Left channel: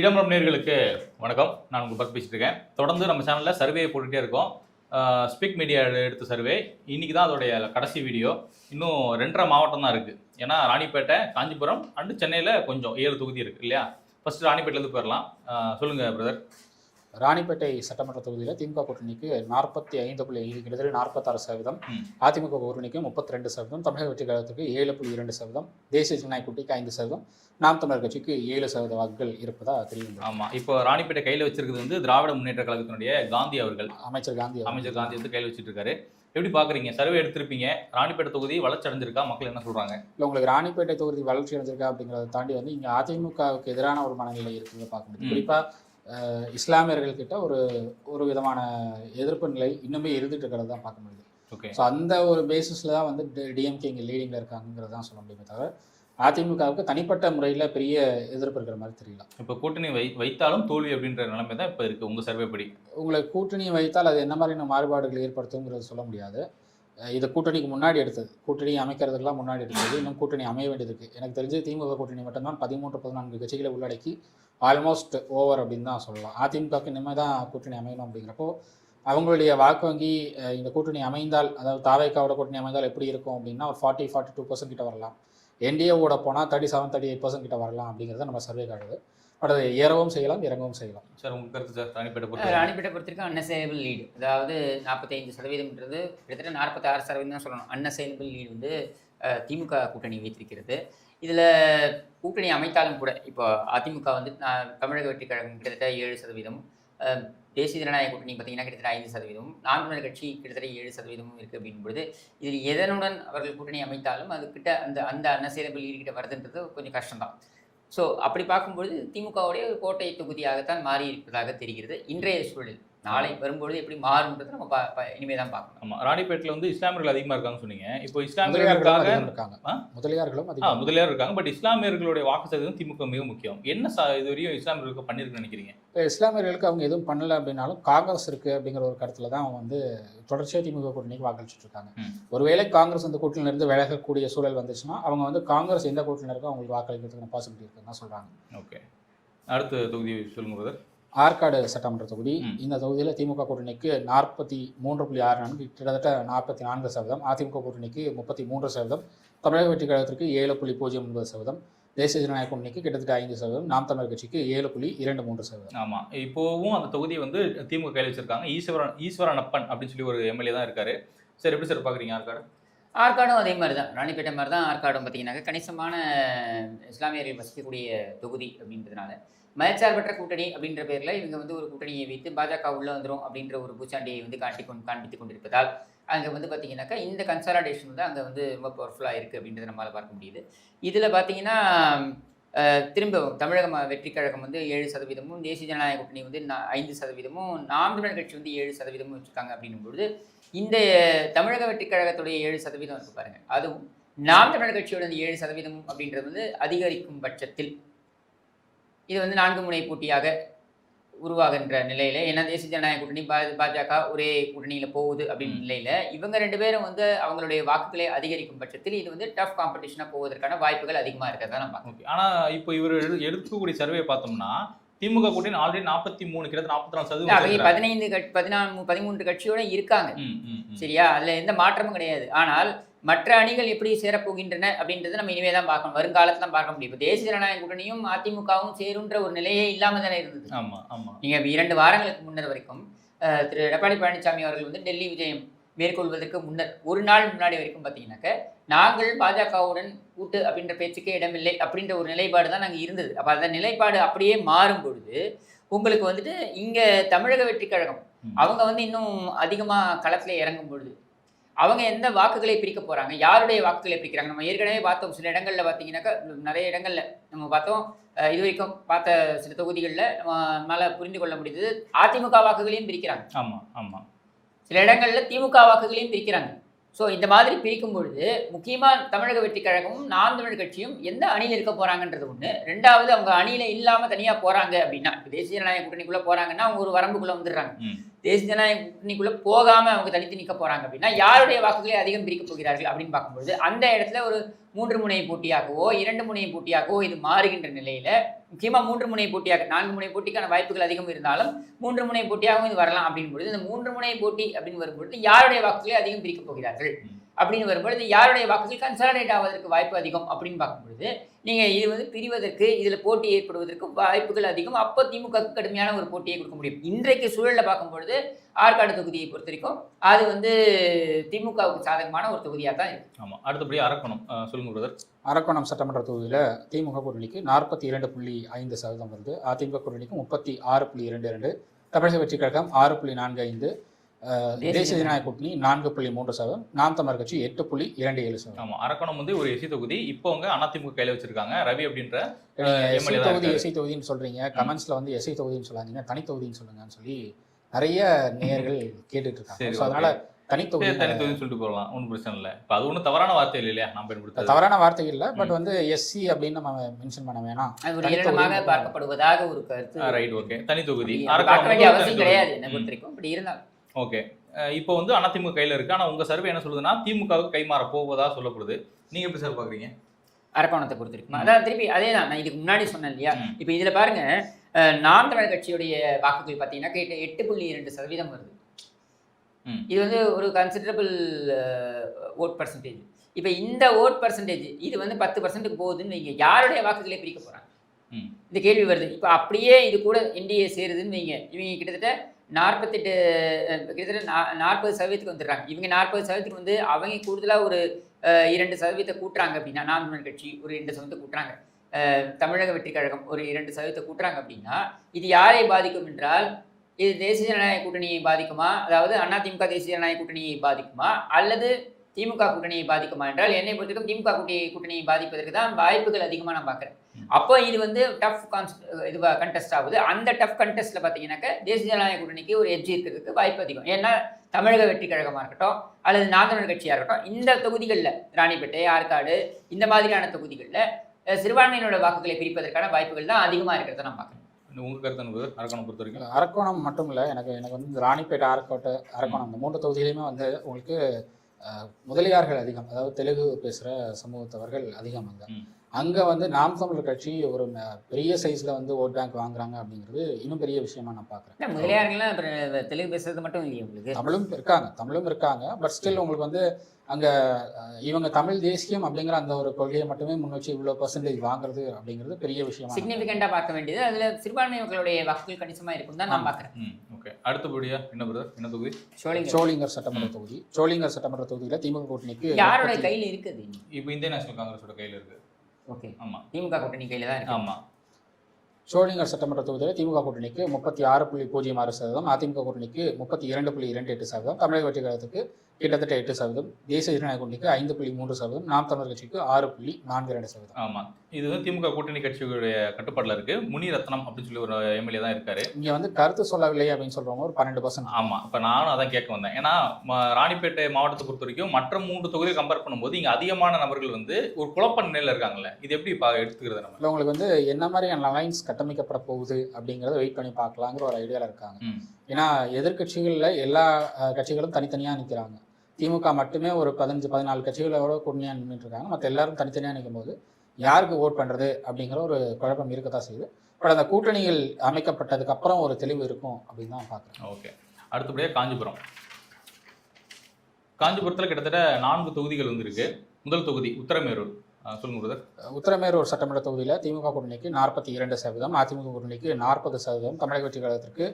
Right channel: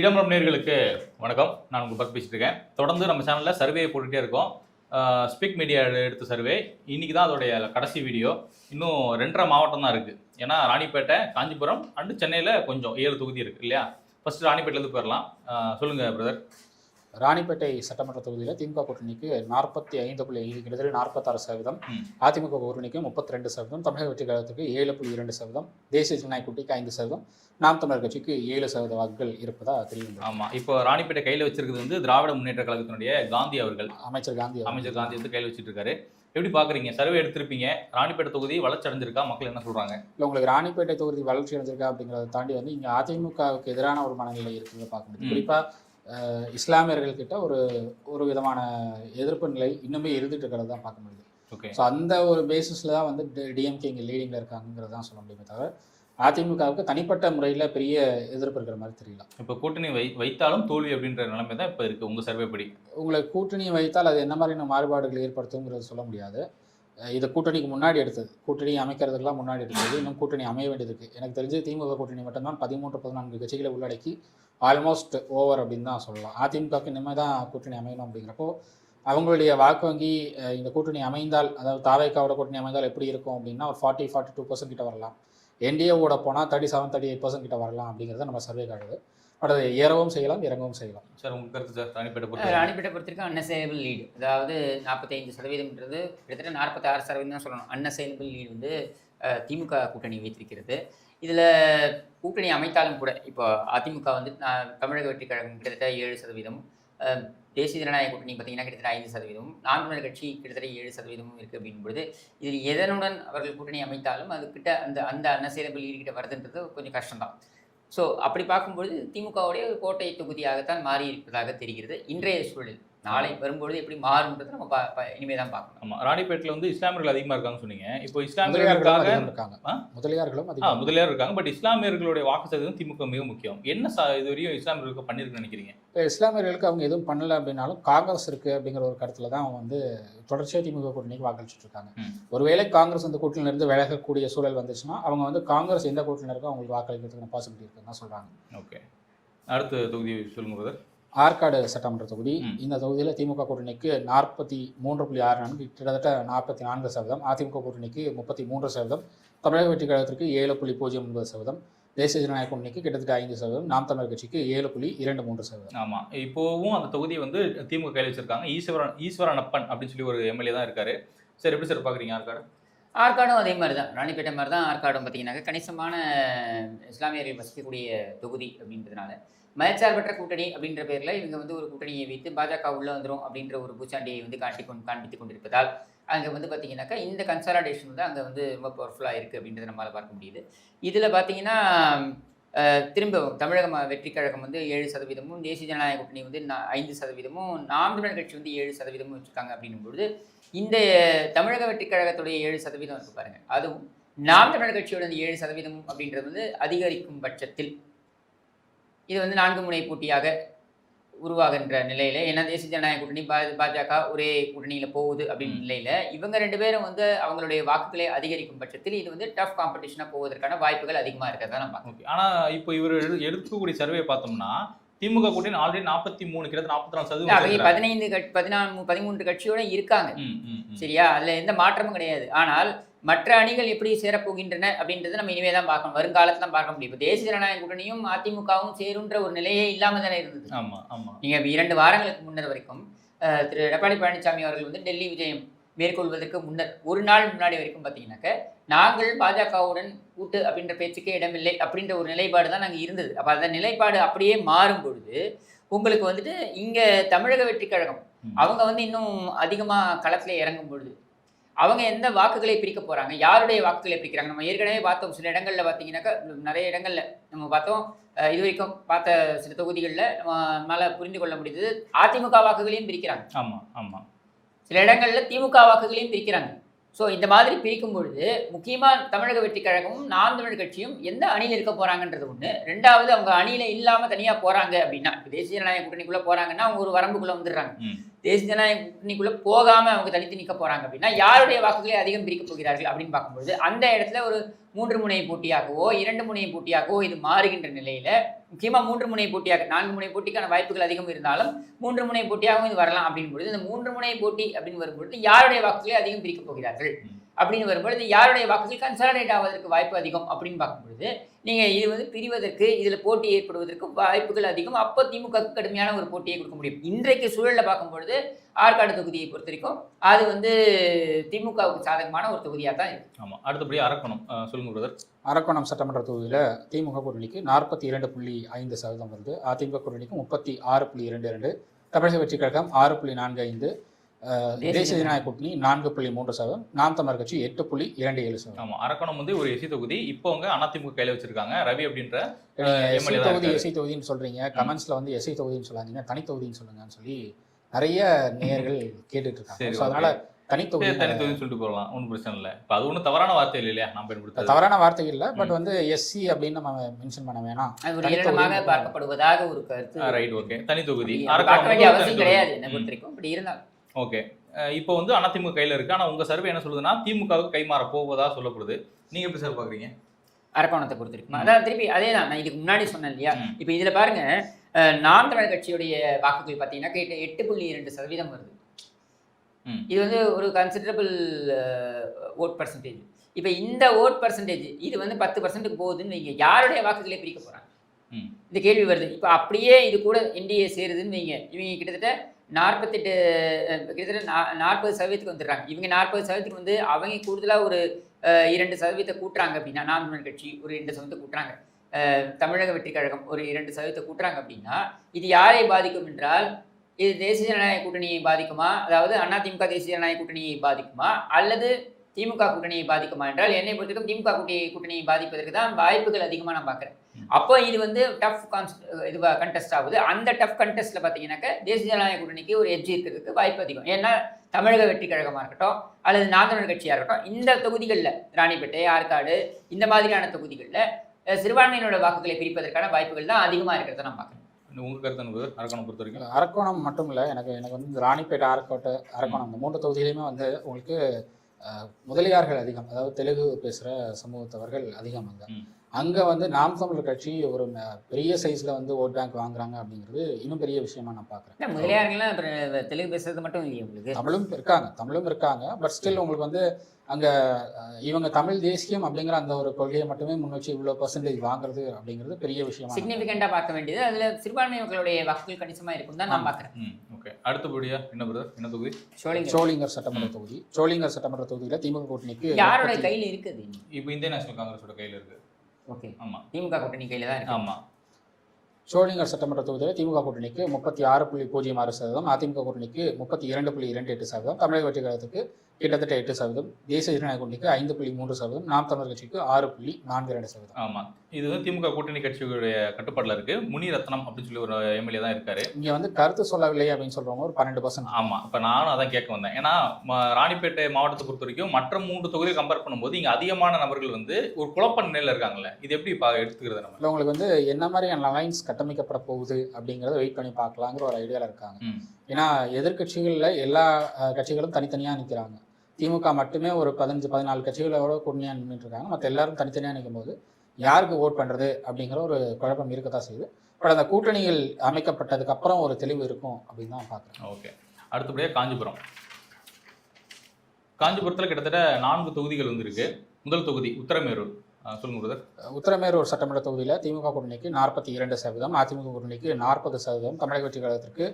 இடம்பரம் நேர்களுக்கு வணக்கம். நான் உங்கள் பஸ் பேசிட்டு இருக்கேன். தொடர்ந்து நம்ம சேனலில் சர்வே போட்டுகிட்டே இருக்கோம். ஸ்பீக் மீடியா எடுத்த சர்வே இன்னைக்கு தான் அதோடைய கடைசி வீடியோ. இன்னும் 2.5 மாவட்டம் தான் இருக்குது. ஏன்னா ராணிப்பேட்டை, காஞ்சிபுரம் அண்டு சென்னையில் கொஞ்சம் 7 தொகுதி இருக்குது இல்லையா? ஃபர்ஸ்ட் ராணிப்பேட்டிலேருந்து போயிடலாம். சொல்லுங்கள் பிரதர். ராணிப்பேட்டை சட்டமன்ற தொகுதியில் திமுக கூட்டணிக்கு 45.5 கிட்டத்தட்ட 46%, அதிமுக கூட்டணிக்கு 32%, தமிழக வெற்றி கழகத்துக்கு 7.2%, தேசிய ஜனநாயக கூட்டணிக்கு 5%, நாம் தமிழர் கட்சிக்கு 7% வாக்குகள் இருப்பதா தெரியும். ஆமாம், இப்போ ராணிப்பேட்டை கையில் வச்சிருக்கிறது வந்து திராவிட முன்னேற்ற கழகத்தினுடைய காந்தி அவர்கள், அமைச்சர் காந்தி வந்து கையில் வச்சுட்டு இருக்காரு. எப்படி பார்க்குறீங்க? சர்வே எடுத்திருப்பீங்க. ராணிப்பேட்டை தொகுதி வளர்ச்சி அடைஞ்சிருக்கா? மக்கள் என்ன சொல்கிறாங்க? இல்லை, உங்களுக்கு ராணிப்பேட்டை தொகுதி வளர்ச்சி அடைஞ்சிருக்கா அப்படிங்கிறத தாண்டி வந்து இங்கே அதிமுகவுக்கு எதிரான ஒரு மனநிலை இருக்கிறத பார்க்க முடியும். குறிப்பாக இஸ்லாமியர்கள்கிட்ட ஒரு விதமான எதிர்ப்பு நிலை இன்னுமே இருந்துட்டு இருக்கிறது தான் பார்க்க முடியும். ஓகே, ஸோ அந்த ஒரு பேசிஸில் தான் வந்து டிஎம்கே இங்கே லீடிங்கில் இருக்காங்கிறது தான் சொல்ல முடியுமே தவிர அதிமுகவுக்கு தனிப்பட்ட முறையில் பெரிய எதிர்ப்பு இருக்கிற மாதிரி தெரியல. இப்போ கூட்டணி வைத்தாலும் தோல்வி அப்படின்ற நிலைமை தான் இப்போ இருக்குது உங்கள் சர்வே படி. உங்களுக்கு கூட்டணியை வைத்தால் அது என்ன மாதிரியான மாறுபாடுகள் ஏற்படுத்துங்கிறத சொல்ல முடியாது. இது கூட்டணிக்கு முன்னாடி எடுத்தது, கூட்டணி அமைக்கிறதுக்கெல்லாம் முன்னாடி எடுத்தது. இன்னும் கூட்டணி அமைய வேண்டியதுக்கு எனக்கு தெரிஞ்சு திமுக கூட்டணி மட்டும்தான் 13-14 கட்சிகளை உள்ளடக்கி ஆல்மோஸ்ட் ஓவர் அப்படின்னு தான் சொல்லலாம். அதிமுகவுக்கு இனிமேல் தான் கூட்டணி அமையணும். அப்படிங்கிறப்போ அவங்களுடைய வாக்கு வங்கி இந்த கூட்டணி அமைந்தால், அதாவது தாவேக்காவோட கூட்டணி அமைந்தால் எப்படி இருக்கும் அப்படின்னா ஒரு 40-42% கிட்ட வரலாம். என்டிஏவோட போனால் 37-38% கிட்ட வரலாம் அப்படிங்கிறத நம்ம சர்வே காட்டுது. பட் அது ஏறவும் செய்யலாம், இறங்கவும் செய்யலாம். சார், உங்கள் கருத்து சார்? ராணிப்பேட்டை பொறுத்திருக்கும் அன்அசைலபிள் லீடு, அதாவது 45%ன்றது கிட்டத்தட்ட 46% தான் சொல்லணும். அன்அசைலபிள் லீடு வந்து திமுக கூட்டணி வைத்திருக்கிறது. இதில் கூட்டணி அமைத்தாலும் கூட இப்போ அதிமுக வந்து தமிழக வெற்றி கழகம் கிட்டத்தட்ட 7%, தேசிய ஜனநாயக கூட்டணி பார்த்தீங்கன்னா கிட்டத்தட்ட 5%, நாம் தமிழர் கட்சி கிட்டத்தட்ட 7% இருக்குது அப்படின்பொழுது இதில் எதனுடன் அவர்கள் கூட்டணி அமைத்தாலும் அதுக்கிட்ட அந்த அன்அசைலபிள் லீடு கிட்ட வருதுன்றது கொஞ்சம் கஷ்டம்தான். ஸோ அப்படி பார்க்கும்பொழுது திமுகவுடைய கோட்டை தொகுதியாகத்தான் மாறி இருப்பதாக தெரிகிறது இன்றைய சூழலில். நாளை வரும்பொழுது எப்படி மாறும்ன்றது நம்ம இனிமே தான் பார்க்கணும். ஆமாம், ராணிப்பேட்டில் வந்து இஸ்லாமியர்கள் அதிகமாக இருக்காங்கன்னு சொன்னீங்க. இப்போ இஸ்லாமியர்கள் இருக்காங்க, முதலியார் இருக்காங்க. பட் இஸ்லாமியர்களுடைய வாக்கு சதவீதம் திமுக மிக முக்கியம். என்ன இது வரையும் இஸ்லாமியர்களுக்கு பண்ணியிருக்குன்னு நினைக்கிறீங்க? இப்போ இஸ்லாமியர்களுக்கு அவங்க எதுவும் பண்ணலை அப்படின்னாலும் காங்கிரஸ் இருக்குது அப்படிங்கிற ஒரு கருத்தில் தான் அவங்க வந்து தொடர்ச்சியாக திமுக கூட்டணிக்கு வாக்களிச்சுட்டு இருக்காங்க. ஒருவேளை காங்கிரஸ் அந்த கூட்டணியிலிருந்து விலகக்கூடிய சூழல் வந்துச்சுன்னா அவங்க வந்து காங்கிரஸ் எந்த கூட்டணியில் இருக்கோ அவங்களுக்கு வாக்களிக்கிறதுக்கு பாசிபிலிட்டி இருக்குன்னு தான் சொல்கிறாங்க. ஓகே, அடுத்த தொகுதி சொல்லுங்க. ஆற்காடு சட்டமன்ற தொகுதி. இந்த தொகுதியில் திமுக கூட்டணிக்கு 43.64, கிட்டத்தட்ட 44%, அதிமுக கூட்டணிக்கு 33%, தமிழக வெற்றி கழகத்திற்கு 7.09%, தேசிய ஜனநாயக கூட்டணிக்கு கிட்டத்தட்ட 5%, நாம் தமிழர் கட்சிக்கு 7.23%. ஆமாம், இப்போவும் அந்த தொகுதியை வந்து திமுக கையில் வச்சிருக்காங்க. ஈஸ்வரனப்பன் அப்படின்னு சொல்லி ஒரு எம்எல்ஏ தான் இருக்காரு. சார், எப்படி சார் பார்க்குறீங்க ஆற்காடு? ஆற்காடும் அதே மாதிரி தான், ராணிப்பேட்டை மாதிரி தான் ஆற்காடும் பார்த்தீங்கன்னாக்க கணிசமான இஸ்லாமியர்கள் வசிக்கக்கூடிய தொகுதி அப்படின்றதுனால மதச்சார்பற்ற கூட்டணி அப்படின்ற பேரில் இவங்க வந்து ஒரு கூட்டணியை வைத்து பாஜக உள்ளே வந்துடும் அப்படின்ற ஒரு பூச்சாண்டியை வந்து காண்பித்துக் கொண்டிருப்பதால் அங்கே வந்து பார்த்தீங்கன்னாக்கா இந்த கன்சாலிடேஷன் தான் அங்கே வந்து ரொம்ப பவர்ஃபுல்லாக இருக்குது அப்படின்றத நம்மளால் பார்க்க முடியுது. இதில் பார்த்தீங்கன்னா திரும்ப தமிழக வெற்றி கழகம் வந்து 7%, தேசிய ஜனநாயக கூட்டணி வந்து 5%, நாம் தமிழர் கட்சி வந்து 7% வச்சுருக்காங்க அப்படின்னும்பொழுது இந்த தமிழக வெற்றி கழகத்துடைய 7% வந்து பாருங்கள், அதுவும் நாம் தமிழர் கட்சியோட 7% அப்படின்றது வந்து அதிகரிக்கும் பட்சத்தில் இது வந்து 4 முனை போட்டியாக உருவாகின்ற நிலையில, ஏன்னா தேசிய ஜனநாயக கூட்டணி பாஜக ஒரே கூட்டணியில போகுது அப்படின்னு நிலையில இவங்க 2 பேரும் வந்து அவங்களுடைய வாக்குகளை அதிகரிக்கும் பட்சத்தில் இது வந்து டஃப் காம்படிஷனா போவதற்கான வாய்ப்புகள் அதிகமா இருக்கிறதா நம்ம பார்க்கணும். ஆனா இப்போ இவர் எடுக்கக்கூடிய சர்வே பார்த்தோம்னா திமுக கூட்டணி ஆல்ரெடி 43 13 கட்சியோட இருக்காங்க. சரியா? அதுல எந்த மாற்றமும் கிடையாது. ஆனால் மற்ற அணிகள் எப்படி சேரப்போகின்றன அப்படின்றத நம்ம இனிமே தான் பார்க்கணும், வருங்காலத்துல பார்க்க முடியும். தேசிய ஜனநாயக கூட்டணியும் அதிமுகவும் சேருன்ற ஒரு நிலையே இல்லாம தானே இருந்தது. நீங்க 2 வாரங்களுக்கு முன்னர் வரைக்கும் திரு எடப்பாடி பழனிசாமி அவர்கள் வந்து டெல்லி விஜயம் மேற்கொள்வதற்கு முன்னர் ஒரு நாள் முன்னாடி வரைக்கும் பார்த்தீங்கன்னாக்க நாங்கள் பாஜகவுடன் கூட்டு அப்படின்ற பேச்சுக்கே இடமில்லை அப்படின்ற ஒரு நிலைப்பாடு தான் நாங்கள் இருந்தது. அப்போ அந்த நிலைப்பாடு அப்படியே மாறும் பொழுது உங்களுக்கு வந்துட்டு இங்கே தமிழக வெற்றி கழகம் அவங்க வந்து இன்னும் அதிகமாக களத்தில் இறங்கும் பொழுது அவங்க எந்த வாக்குகளை பிரிக்க போகிறாங்க, யாருடைய வாக்குகளை பிரிக்கிறாங்க. நம்ம ஏற்கனவே பார்த்தோம், சில இடங்களில் பார்த்தீங்கன்னாக்கா நிறைய இடங்களில் நம்ம பார்த்தோம், இது வரைக்கும் பார்த்த சில தொகுதிகளில் நம்மளால் புரிந்து கொள்ள முடியுது. அதிமுக வாக்குகளையும் பிரிக்கிறாங்க, சில இடங்களில் திமுக வாக்குகளையும் பிரிக்கிறாங்க. ஸோ இந்த மாதிரி பிரிக்கும் பொழுது முக்கியமாக தமிழக வெற்றி கழகமும் நாம் தமிழர் கட்சியும் எந்த அணியில் இருக்க போகிறாங்கன்றது ஒன்று. 2வது அவங்க அணியில் இல்லாமல் தனியாக போகிறாங்க அப்படின்னா தேசிய ஜனநாயக கூட்டணிக்குள்ளே போகிறாங்கன்னா அவங்க ஒரு வரம்புக்குள்ளே வந்துடுறாங்க. தேசிய ஜனநாயக கூட்டணிக்குள்ள போகாம அவங்க தனித்து நிற்க போறாங்க அப்படின்னா யாருடைய வாக்குகளை அதிகம் பிரிக்க போகிறார்கள் அப்படின்னு பார்க்கும்போது அந்த இடத்துல ஒரு 3 முனை போட்டியாகவோ 2 முனை போட்டியாகவோ இது மாறுகின்ற நிலையில முக்கியமா 3 முனை போட்டியாக 4 முனை போட்டிக்கான வாய்ப்புகள் அதிகம் இருந்தாலும் 3 முனை போட்டியாகவும் இது வரலாம் அப்படின்னு பொழுது இந்த 3 முனை போட்டி அப்படின்னு வரும்பொழுது யாருடைய வாக்குகளை அதிகம் பிரிக்க போகிறார்கள் அப்படின்னு வரும்பொழுது யாருடைய வாக்குகள் கன்சாலிடேட் ஆவதற்கு வாய்ப்பு அதிகம் அப்படின்னு பார்க்கும்பொழுது நீங்கள் இது வந்து பிரிவதற்கு இதில் போட்டி ஏற்படுவதற்கு வாய்ப்புகள் அதிகம். அப்போ திமுக கடுமையான ஒரு போட்டியை கொடுக்க முடியும். இன்றைக்கு சூழலில் பார்க்கும்பொழுது ஆற்காடு தொகுதியை பொறுத்த வரைக்கும் அது வந்து திமுகவுக்கு சாதகமான ஒரு தொகுதியாக தான் இருக்கும். ஆமாம். அடுத்தபடி அரக்கோணம் சொல்லுங்க பிரதர். அரக்கோணம் சட்டமன்ற தொகுதியில் திமுக கூட்டணிக்கு 42.5% வருது. அதிமுக கூட்டணிக்கு 36.22, தமிழக வெற்றி கழகம் 6.45, தேசிய ஜனநாயக கூட்டணி 4.3%, நாம் தமிழர் கட்சி 8.27%. ஆமாம். அரக்கோணம் வந்து ஒரு எஸ்சி தொகுதி. இப்போ அவங்க அதிமுக கையில் வச்சிருக்காங்க. ரவி அப்படின்ற எஸ்சி தொகுதின்னு சொல்றீங்க, கமெண்ட்ஸ்ல வந்து எஸ்சி தொகுதின்னு சொல்லாதீங்க, தனி தொகுதின்னு சொல்லுங்கன்னு சொல்லி நிறைய நேயர்கள் கேட்டுட்டு இருக்காங்க. அதனால தனித்தொகுதின்னு சொல்லிட்டு போகலாம், ஒன்றும் பிரச்சனை இல்லை. இப்போ அது ஒன்றும் தவறான வார்த்தை இல்லை இல்லையா? நம்ம பயன்படுத்த தவறான வார்த்தைகள் இல்லை, பட் வந்து எஸ்சி அப்படின்னு நம்ம மென்ஷன் பண்ண வேணாம். பார்க்கப்படுவதாக ஒரு கருத்து. Right, okay. தனி தொகுதி அவசியம் கிடையாது என்ன பொறுத்த வரைக்கும். அப்படி இருந்தாலும் ஓகே. இப்போ வந்து அதிமுக கையில் இருக்கு. ஆனால் உங்க சர்வே என்ன சொல்லுதுன்னா திமுகவுக்கு கைமாற போவதா சொல்லப்படுது. நீங்க எப்படி சார் பாக்குறீங்க அரக்கோணத்தை பொறுத்த வரைக்கும்? அதான் திருப்பி அதே தான் நான் இதுக்கு முன்னாடி சொன்னேன் இல்லையா. இப்போ இதுல பாருங்க, நாம் தமிழர் கட்சியுடைய வாக்குகள் பார்த்தீங்கன்னா 8.2% வருது. இது வந்து ஒரு கன்சிடரபிள் ஓட் பர்சன்டேஜ். இப்போ இந்த ஓட் பர்சன்டேஜ் இது வந்து 10% போகுதுன்னு வைங்க, யாருடைய வாக்குகளை பிரிக்க போறாங்க இந்த கேள்வி வருது. இப்போ அப்படியே இது கூட என்டிஏ சேருதுன்னு வைங்க, இவங்க கிட்டத்தட்ட 40% வந்துடுறாங்க. இவங்க 40% வந்து அவங்க கூடுதலாக ஒரு 2% கூட்டுறாங்க அப்படின்னா, நாம் தமிழர் கட்சி ஒரு 2% கூட்டுறாங்க, தமிழக வெற்றி கழகம் ஒரு 2% கூட்டுறாங்க அப்படின்னா இது யாரை பாதிக்கும் என்றால் இது தேசிய ஜனநாயக கூட்டணியை பாதிக்குமா, அதாவது அதிமுக தேசிய ஜனநாயக கூட்டணியை பாதிக்குமா அல்லது திமுக கூட்டணியை பாதிக்குமா என்றால் என்னை பொறுத்தவரைக்கும் திமுக கூட்டணியை பாதிப்பதற்கு தான் வாய்ப்புகள் அதிகமாக நான் பார்க்குறேன். அப்போ இது வந்து டஃப் கண்டெஸ்ட் ஆகுது. அந்த டஃப் கண்டெஸ்ட்ல பார்த்தீங்கன்னாக்கா தேசிய ஜனநாயக கூட்டணிக்கு ஒரு எட்ஜ் இருக்கிறதுக்கு வாய்ப்பு அதிகம். ஏன்னா தமிழக வெற்றி கழகமாக இருக்கட்டும் அல்லது நாம் தமிழர் கட்சியாக இருக்கட்டும், இந்த தொகுதிகளில் ராணிப்பேட்டை, ஆற்காடு இந்த மாதிரியான தொகுதிகளில் சிறுபான்மையினோட வாக்குகளை பிரிப்பதற்கான வாய்ப்புகள் தான் அதிகமாக இருக்கிறத நான் பார்க்குறேன். அரக்கோணம் மட்டும் இல்லை, எனக்கு வந்து இந்த ராணிப்பேட்டை, அரக்கோணம் இந்த 3 தொகுதியிலையுமே வந்து உங்களுக்கு முதலியார்கள் அதிகம், அதாவது தெலுங்கு பேசுகிற சமூகத்தவர்கள் அதிகம். அங்கே வந்து நாம் தமிழர் கட்சி ஒரு பெரிய சைஸில் வந்து ஓட் பேங்க் வாங்குறாங்க அப்படிங்கிறது இன்னும் பெரிய விஷயமா நான் பார்க்குறேன். முதலியார்கள்லாம் தெலுங்கு பேசுறது மட்டும் இல்லையா, உங்களுக்கு தமிழும் இருக்காங்க. பட் ஸ்டில் உங்களுக்கு வந்து அங்கே இவங்க தமிழ் தேசியம் அப்படிங்கிற அந்த ஒரு கொள்கையை மட்டுமே முன் வச்சு இவ்வளோ பர்சன்டேஜ் வாங்குறது அப்படிங்கிறது பெரிய விஷயம். சிக்னிஃபிகண்டாக பார்க்க வேண்டியது அதில் சிறுபான்மை மக்களுடைய வாக்குகள் கணிசமாக இருக்கும் தான் நான் பார்க்குறேன். ஓகே. அடுத்தபடியா என்ன தொகுதி? சோளிங்கர் சட்டமன்ற தொகுதி. சோளிங்கர் சட்டமன்ற தொகுதியில் திமுக கூட்டணிக்கு யாரோட கையில் இருக்குது? இப்போ இந்திய நேஷனல் காங்கிரஸோட கையில் இருக்குது. ஓகே. ஆமாம், திமுக கூட்டணி கையில் தான் இருக்கு. ஆமாம். சோளிங்கர் சட்டமன்ற தொகுதியில் திமுக கூட்டணிக்கு 36.06%, அதிமுக கூட்டணிக்கு 32.28%, தமிழக வெற்றி கழகத்துக்கு கிட்டத்தட்ட 8%, தேசிய ஜனநாயக கூட்டணிக்கு 5.3%, நாம் தமிழர் கட்சிக்கு 6.42%. ஆமாம். இது வந்து திமுக கூட்டணி கட்சிகளுடைய கட்டுப்பாட்டில் இருக்கு. முனிரத்னம் அப்படின்னு சொல்லி ஒரு எம்எல்ஏ தான் இருக்காரு. இங்கே வந்து கருத்து சொல்லவில்லை அப்படின்னு சொல்றவங்க ஒரு 12%. ஆமாம். இப்போ நானும் அதான் கேட்க வந்தேன். ஏன்னா ராணிப்பேட்டை மாவட்டத்தை பொறுத்த வரைக்கும் மற்ற 3 தொகுதியை கம்பேர் பண்ணும்போது இங்கே அதிகமான நபர்கள் வந்து ஒரு குழப்ப நிலையில் இருக்காங்கல்ல, இது எப்படி எடுத்துக்கிறது? நம்ம உங்களுக்கு வந்து என்ன மாதிரியான லைன்ஸ் கட்டமைக்கப்பட போகுது அப்படிங்கிறத வெயிட் பண்ணி பார்க்கலாங்கிற ஒரு ஐடியாவில் இருக்காங்க. ஏன்னா எதிர்கட்சிகளில் எல்லா கட்சிகளும் தனித்தனியாக நிற்கிறாங்க. திமுக மட்டுமே ஒரு 15-14 கட்சிகளோட கூட்டணியாக நின்றுட்டு இருக்காங்க. மற்ற எல்லாரும் தனித்தனியாக நிற்கும் போது யாருக்கு ஓட் பண்ணுறது அப்படிங்கிற ஒரு குழப்பம் இருக்கத்தான் செய்யுது. பட் அந்த கூட்டணிகள் அமைக்கப்பட்டதுக்கு அப்புறம் ஒரு தெளிவு இருக்கும் அப்படின்னு தான் பார்க்குறேன். ஓகே. அடுத்தபடியாக காஞ்சிபுரத்தில் கிட்டத்தட்ட 4 தொகுதிகள் வந்து இருக்கு. முதல் தொகுதி உத்தரமேரூர். சொல்லுங்க பிரதர். உத்தரமேரூர் சட்டமன்ற தொகுதியில் திமுக கூட்டணிக்கு 42%, அதிமுக கூட்டணிக்கு 40%, தமிழக வெற்றி கழகத்திற்கு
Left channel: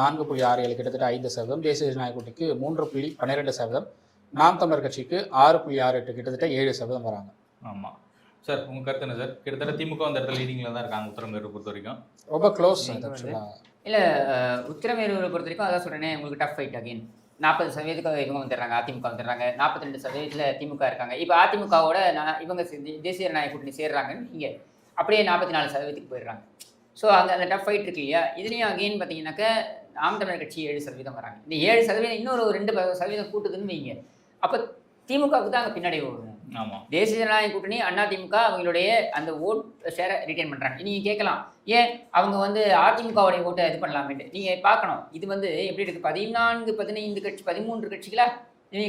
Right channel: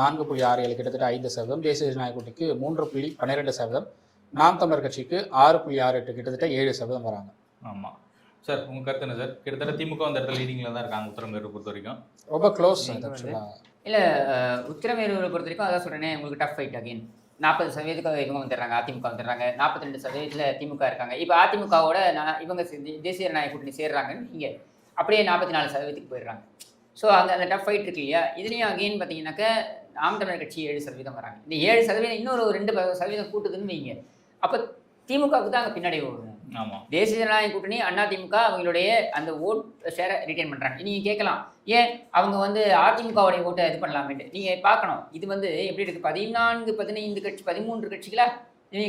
4.67, கிட்டத்தட்ட 5%, தேசிய ஜனநாயக கூட்டணிக்கு 3.12%, நாம் தமிழர் கட்சிக்கு 6.68, கிட்டத்தட்ட 7% வராங்க. ஆமாம் சார், உங்கள் கருத்து என்ன சார்? கிட்டத்தட்ட திமுக அந்த இடத்துல லீடிங்கில் தான் இருக்காங்க உத்தரமேரூர் பொறுத்த வரைக்கும். ரொம்ப க்ளோஸ். இல்லை, உத்தரமேரூரை பொறுத்த வரைக்கும் அதான் சொல்கிறேனே, உங்களுக்கு டஃப் ஃபைட் அகைன். 40% இவங்க வந்துடுறாங்க, அதிமுக வந்துடுறாங்க, 42% திமுக இருக்காங்க. இப்போ அதிமுகவோட இவங்க தேசிய ஜனநாயக கூட்டணி சேர்றாங்கன்னு இங்கே அப்படியே 44% போயிடுறாங்க. ஸோ அந்த டஃப் ஃபைட் இருக்கு இல்லையா? இதுலேயும் அகெயின் பார்த்தீங்கன்னாக்கா நாம் தமிழர் கட்சி 7% வராங்க. இந்த 7% இன்னொரு 2% கூட்டுதுன்னு வைங்க, அப்போ திமுகவுக்கு தான் அவங்க பின்னாடி வருவாங்க. தேசிய ஜனநாயக கூட்டணி அதிமுக இவங்களுடைய அந்த ஓட் ஷேரை ரிட்டைன் பண்ணுறாங்க. நீங்கள் கேட்கலாம், ஏன் அவங்க வந்து அதிமுகவுடைய ஓட்டு இது பண்ணலாமே? நீங்க பார்க்கணும், இது வந்து எப்படி இருக்கு, 14 15 கட்சி 13 கட்சிகளா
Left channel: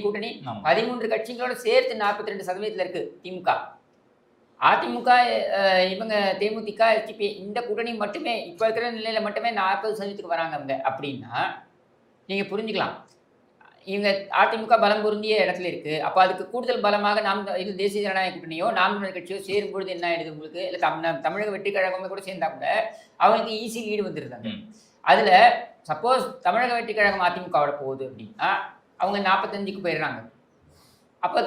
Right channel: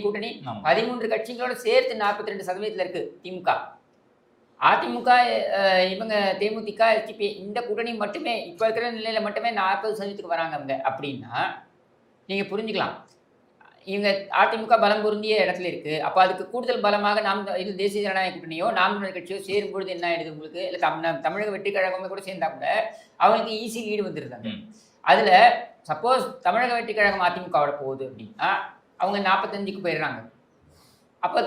கூட்டணி, 13 கட்சிகளோட சேர்த்து 42% இருக்கு திமுக. அதிமுக இவங்க தேமுதிக FDP இந்த கூட்டணி மட்டுமே இப்ப இருக்கிற நிலையில மட்டுமே 40% வராங்க அப்படின்னா நீங்க புரிஞ்சுக்கலாம். இவங்க அதிமுக பலம் பொருந்திய இடத்துல இருக்கு. அப்ப அதுக்கு கூடுதல் பலமாக நாம் இது தேசிய ஜனநாயக கூட்டணியோ நாம் தமிழர் கட்சியோ சேரும் பொழுது என்ன ஆயிடுது உங்களுக்கு, இல்ல தமிழக வெற்றி கழகமே கூட சேர்ந்தா கூட அவங்களுக்கு ஈஸி லீடு வந்துருந்தாங்க. அதுல சப்போஸ் தமிழக வெற்றி கழகம் அதிமுகவோட போகுது அப்படின்னா அவங்க 45க்கு போயிடுறாங்க. அப்போ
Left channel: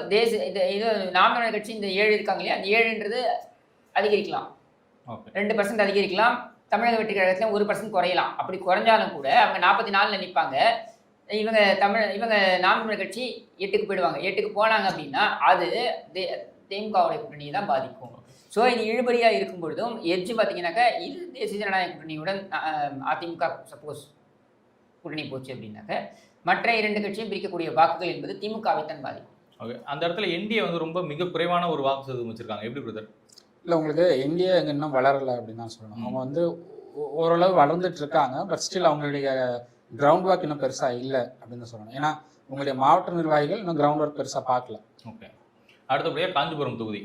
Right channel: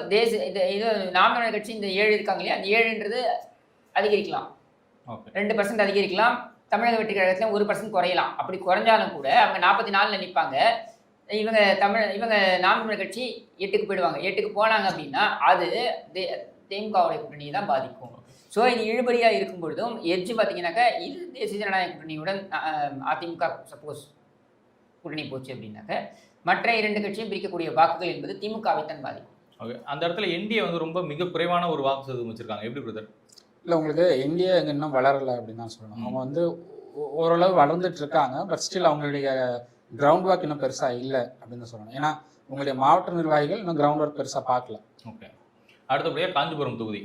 இது நாம் தமிழர் கட்சி இந்த 7 இருக்காங்க இல்லையா, அந்த 7ன்றது அதிகரிக்கலாம், 2% அதிகரிக்கலாம். தமிழக வெற்றி கழகத்தில் 1% குறையலாம். அப்படி குறைஞ்சாலும் கூட அவங்க 44ல் நிற்பாங்க. இவங்க நாம் தமிழர் கட்சி 8க்கு போயிடுவாங்க. 8க்கு போனாங்க அப்படின்னா அது திமுகவுடைய கூட்டணியை தான் பாதிக்கும். ஸோ இது இழுபறியாக இருக்கும் பொழுதும் எட்ஜ் பார்த்தீங்கன்னாக்கா இது தேசிய ஜனநாயக கூட்டணியுடன் அதிமுக சப்போஸ் கூட்டணி போச்சு அப்படின்னாக்க மற்ற 2 கட்சியும் பிரிக்கக்கூடிய வாக்குகள் என்பது திமுகவை தான் பாதிக்கும். அந்த இடத்துல என்டிஏ வந்து ரொம்ப மிக குறைவான ஒரு வாக்கு சதவீதம் வச்சிருக்காங்க. எப்படி பிரதர்? இல்லை, உங்களுக்கு என்டிஏ இன்னும் வளரலை அப்படின்னு தான் சொல்லணும். அவங்க வந்து ஓரளவு வளர்ந்துட்டு இருக்காங்க. பட் ஸ்டில் அவங்களுடைய கிரவுண்ட் ஒர்க் இன்னும் பெருசாக இல்லை அப்படின்னு தான் சொல்லணும். ஏன்னா உங்களுடைய மாவட்ட நிர்வாகிகள் இன்னும் கிரவுண்ட் ஒர்க் பெருசாக பார்க்கல. ஓகே, அடுத்தபடியாக காஞ்சிபுரம் தொகுதி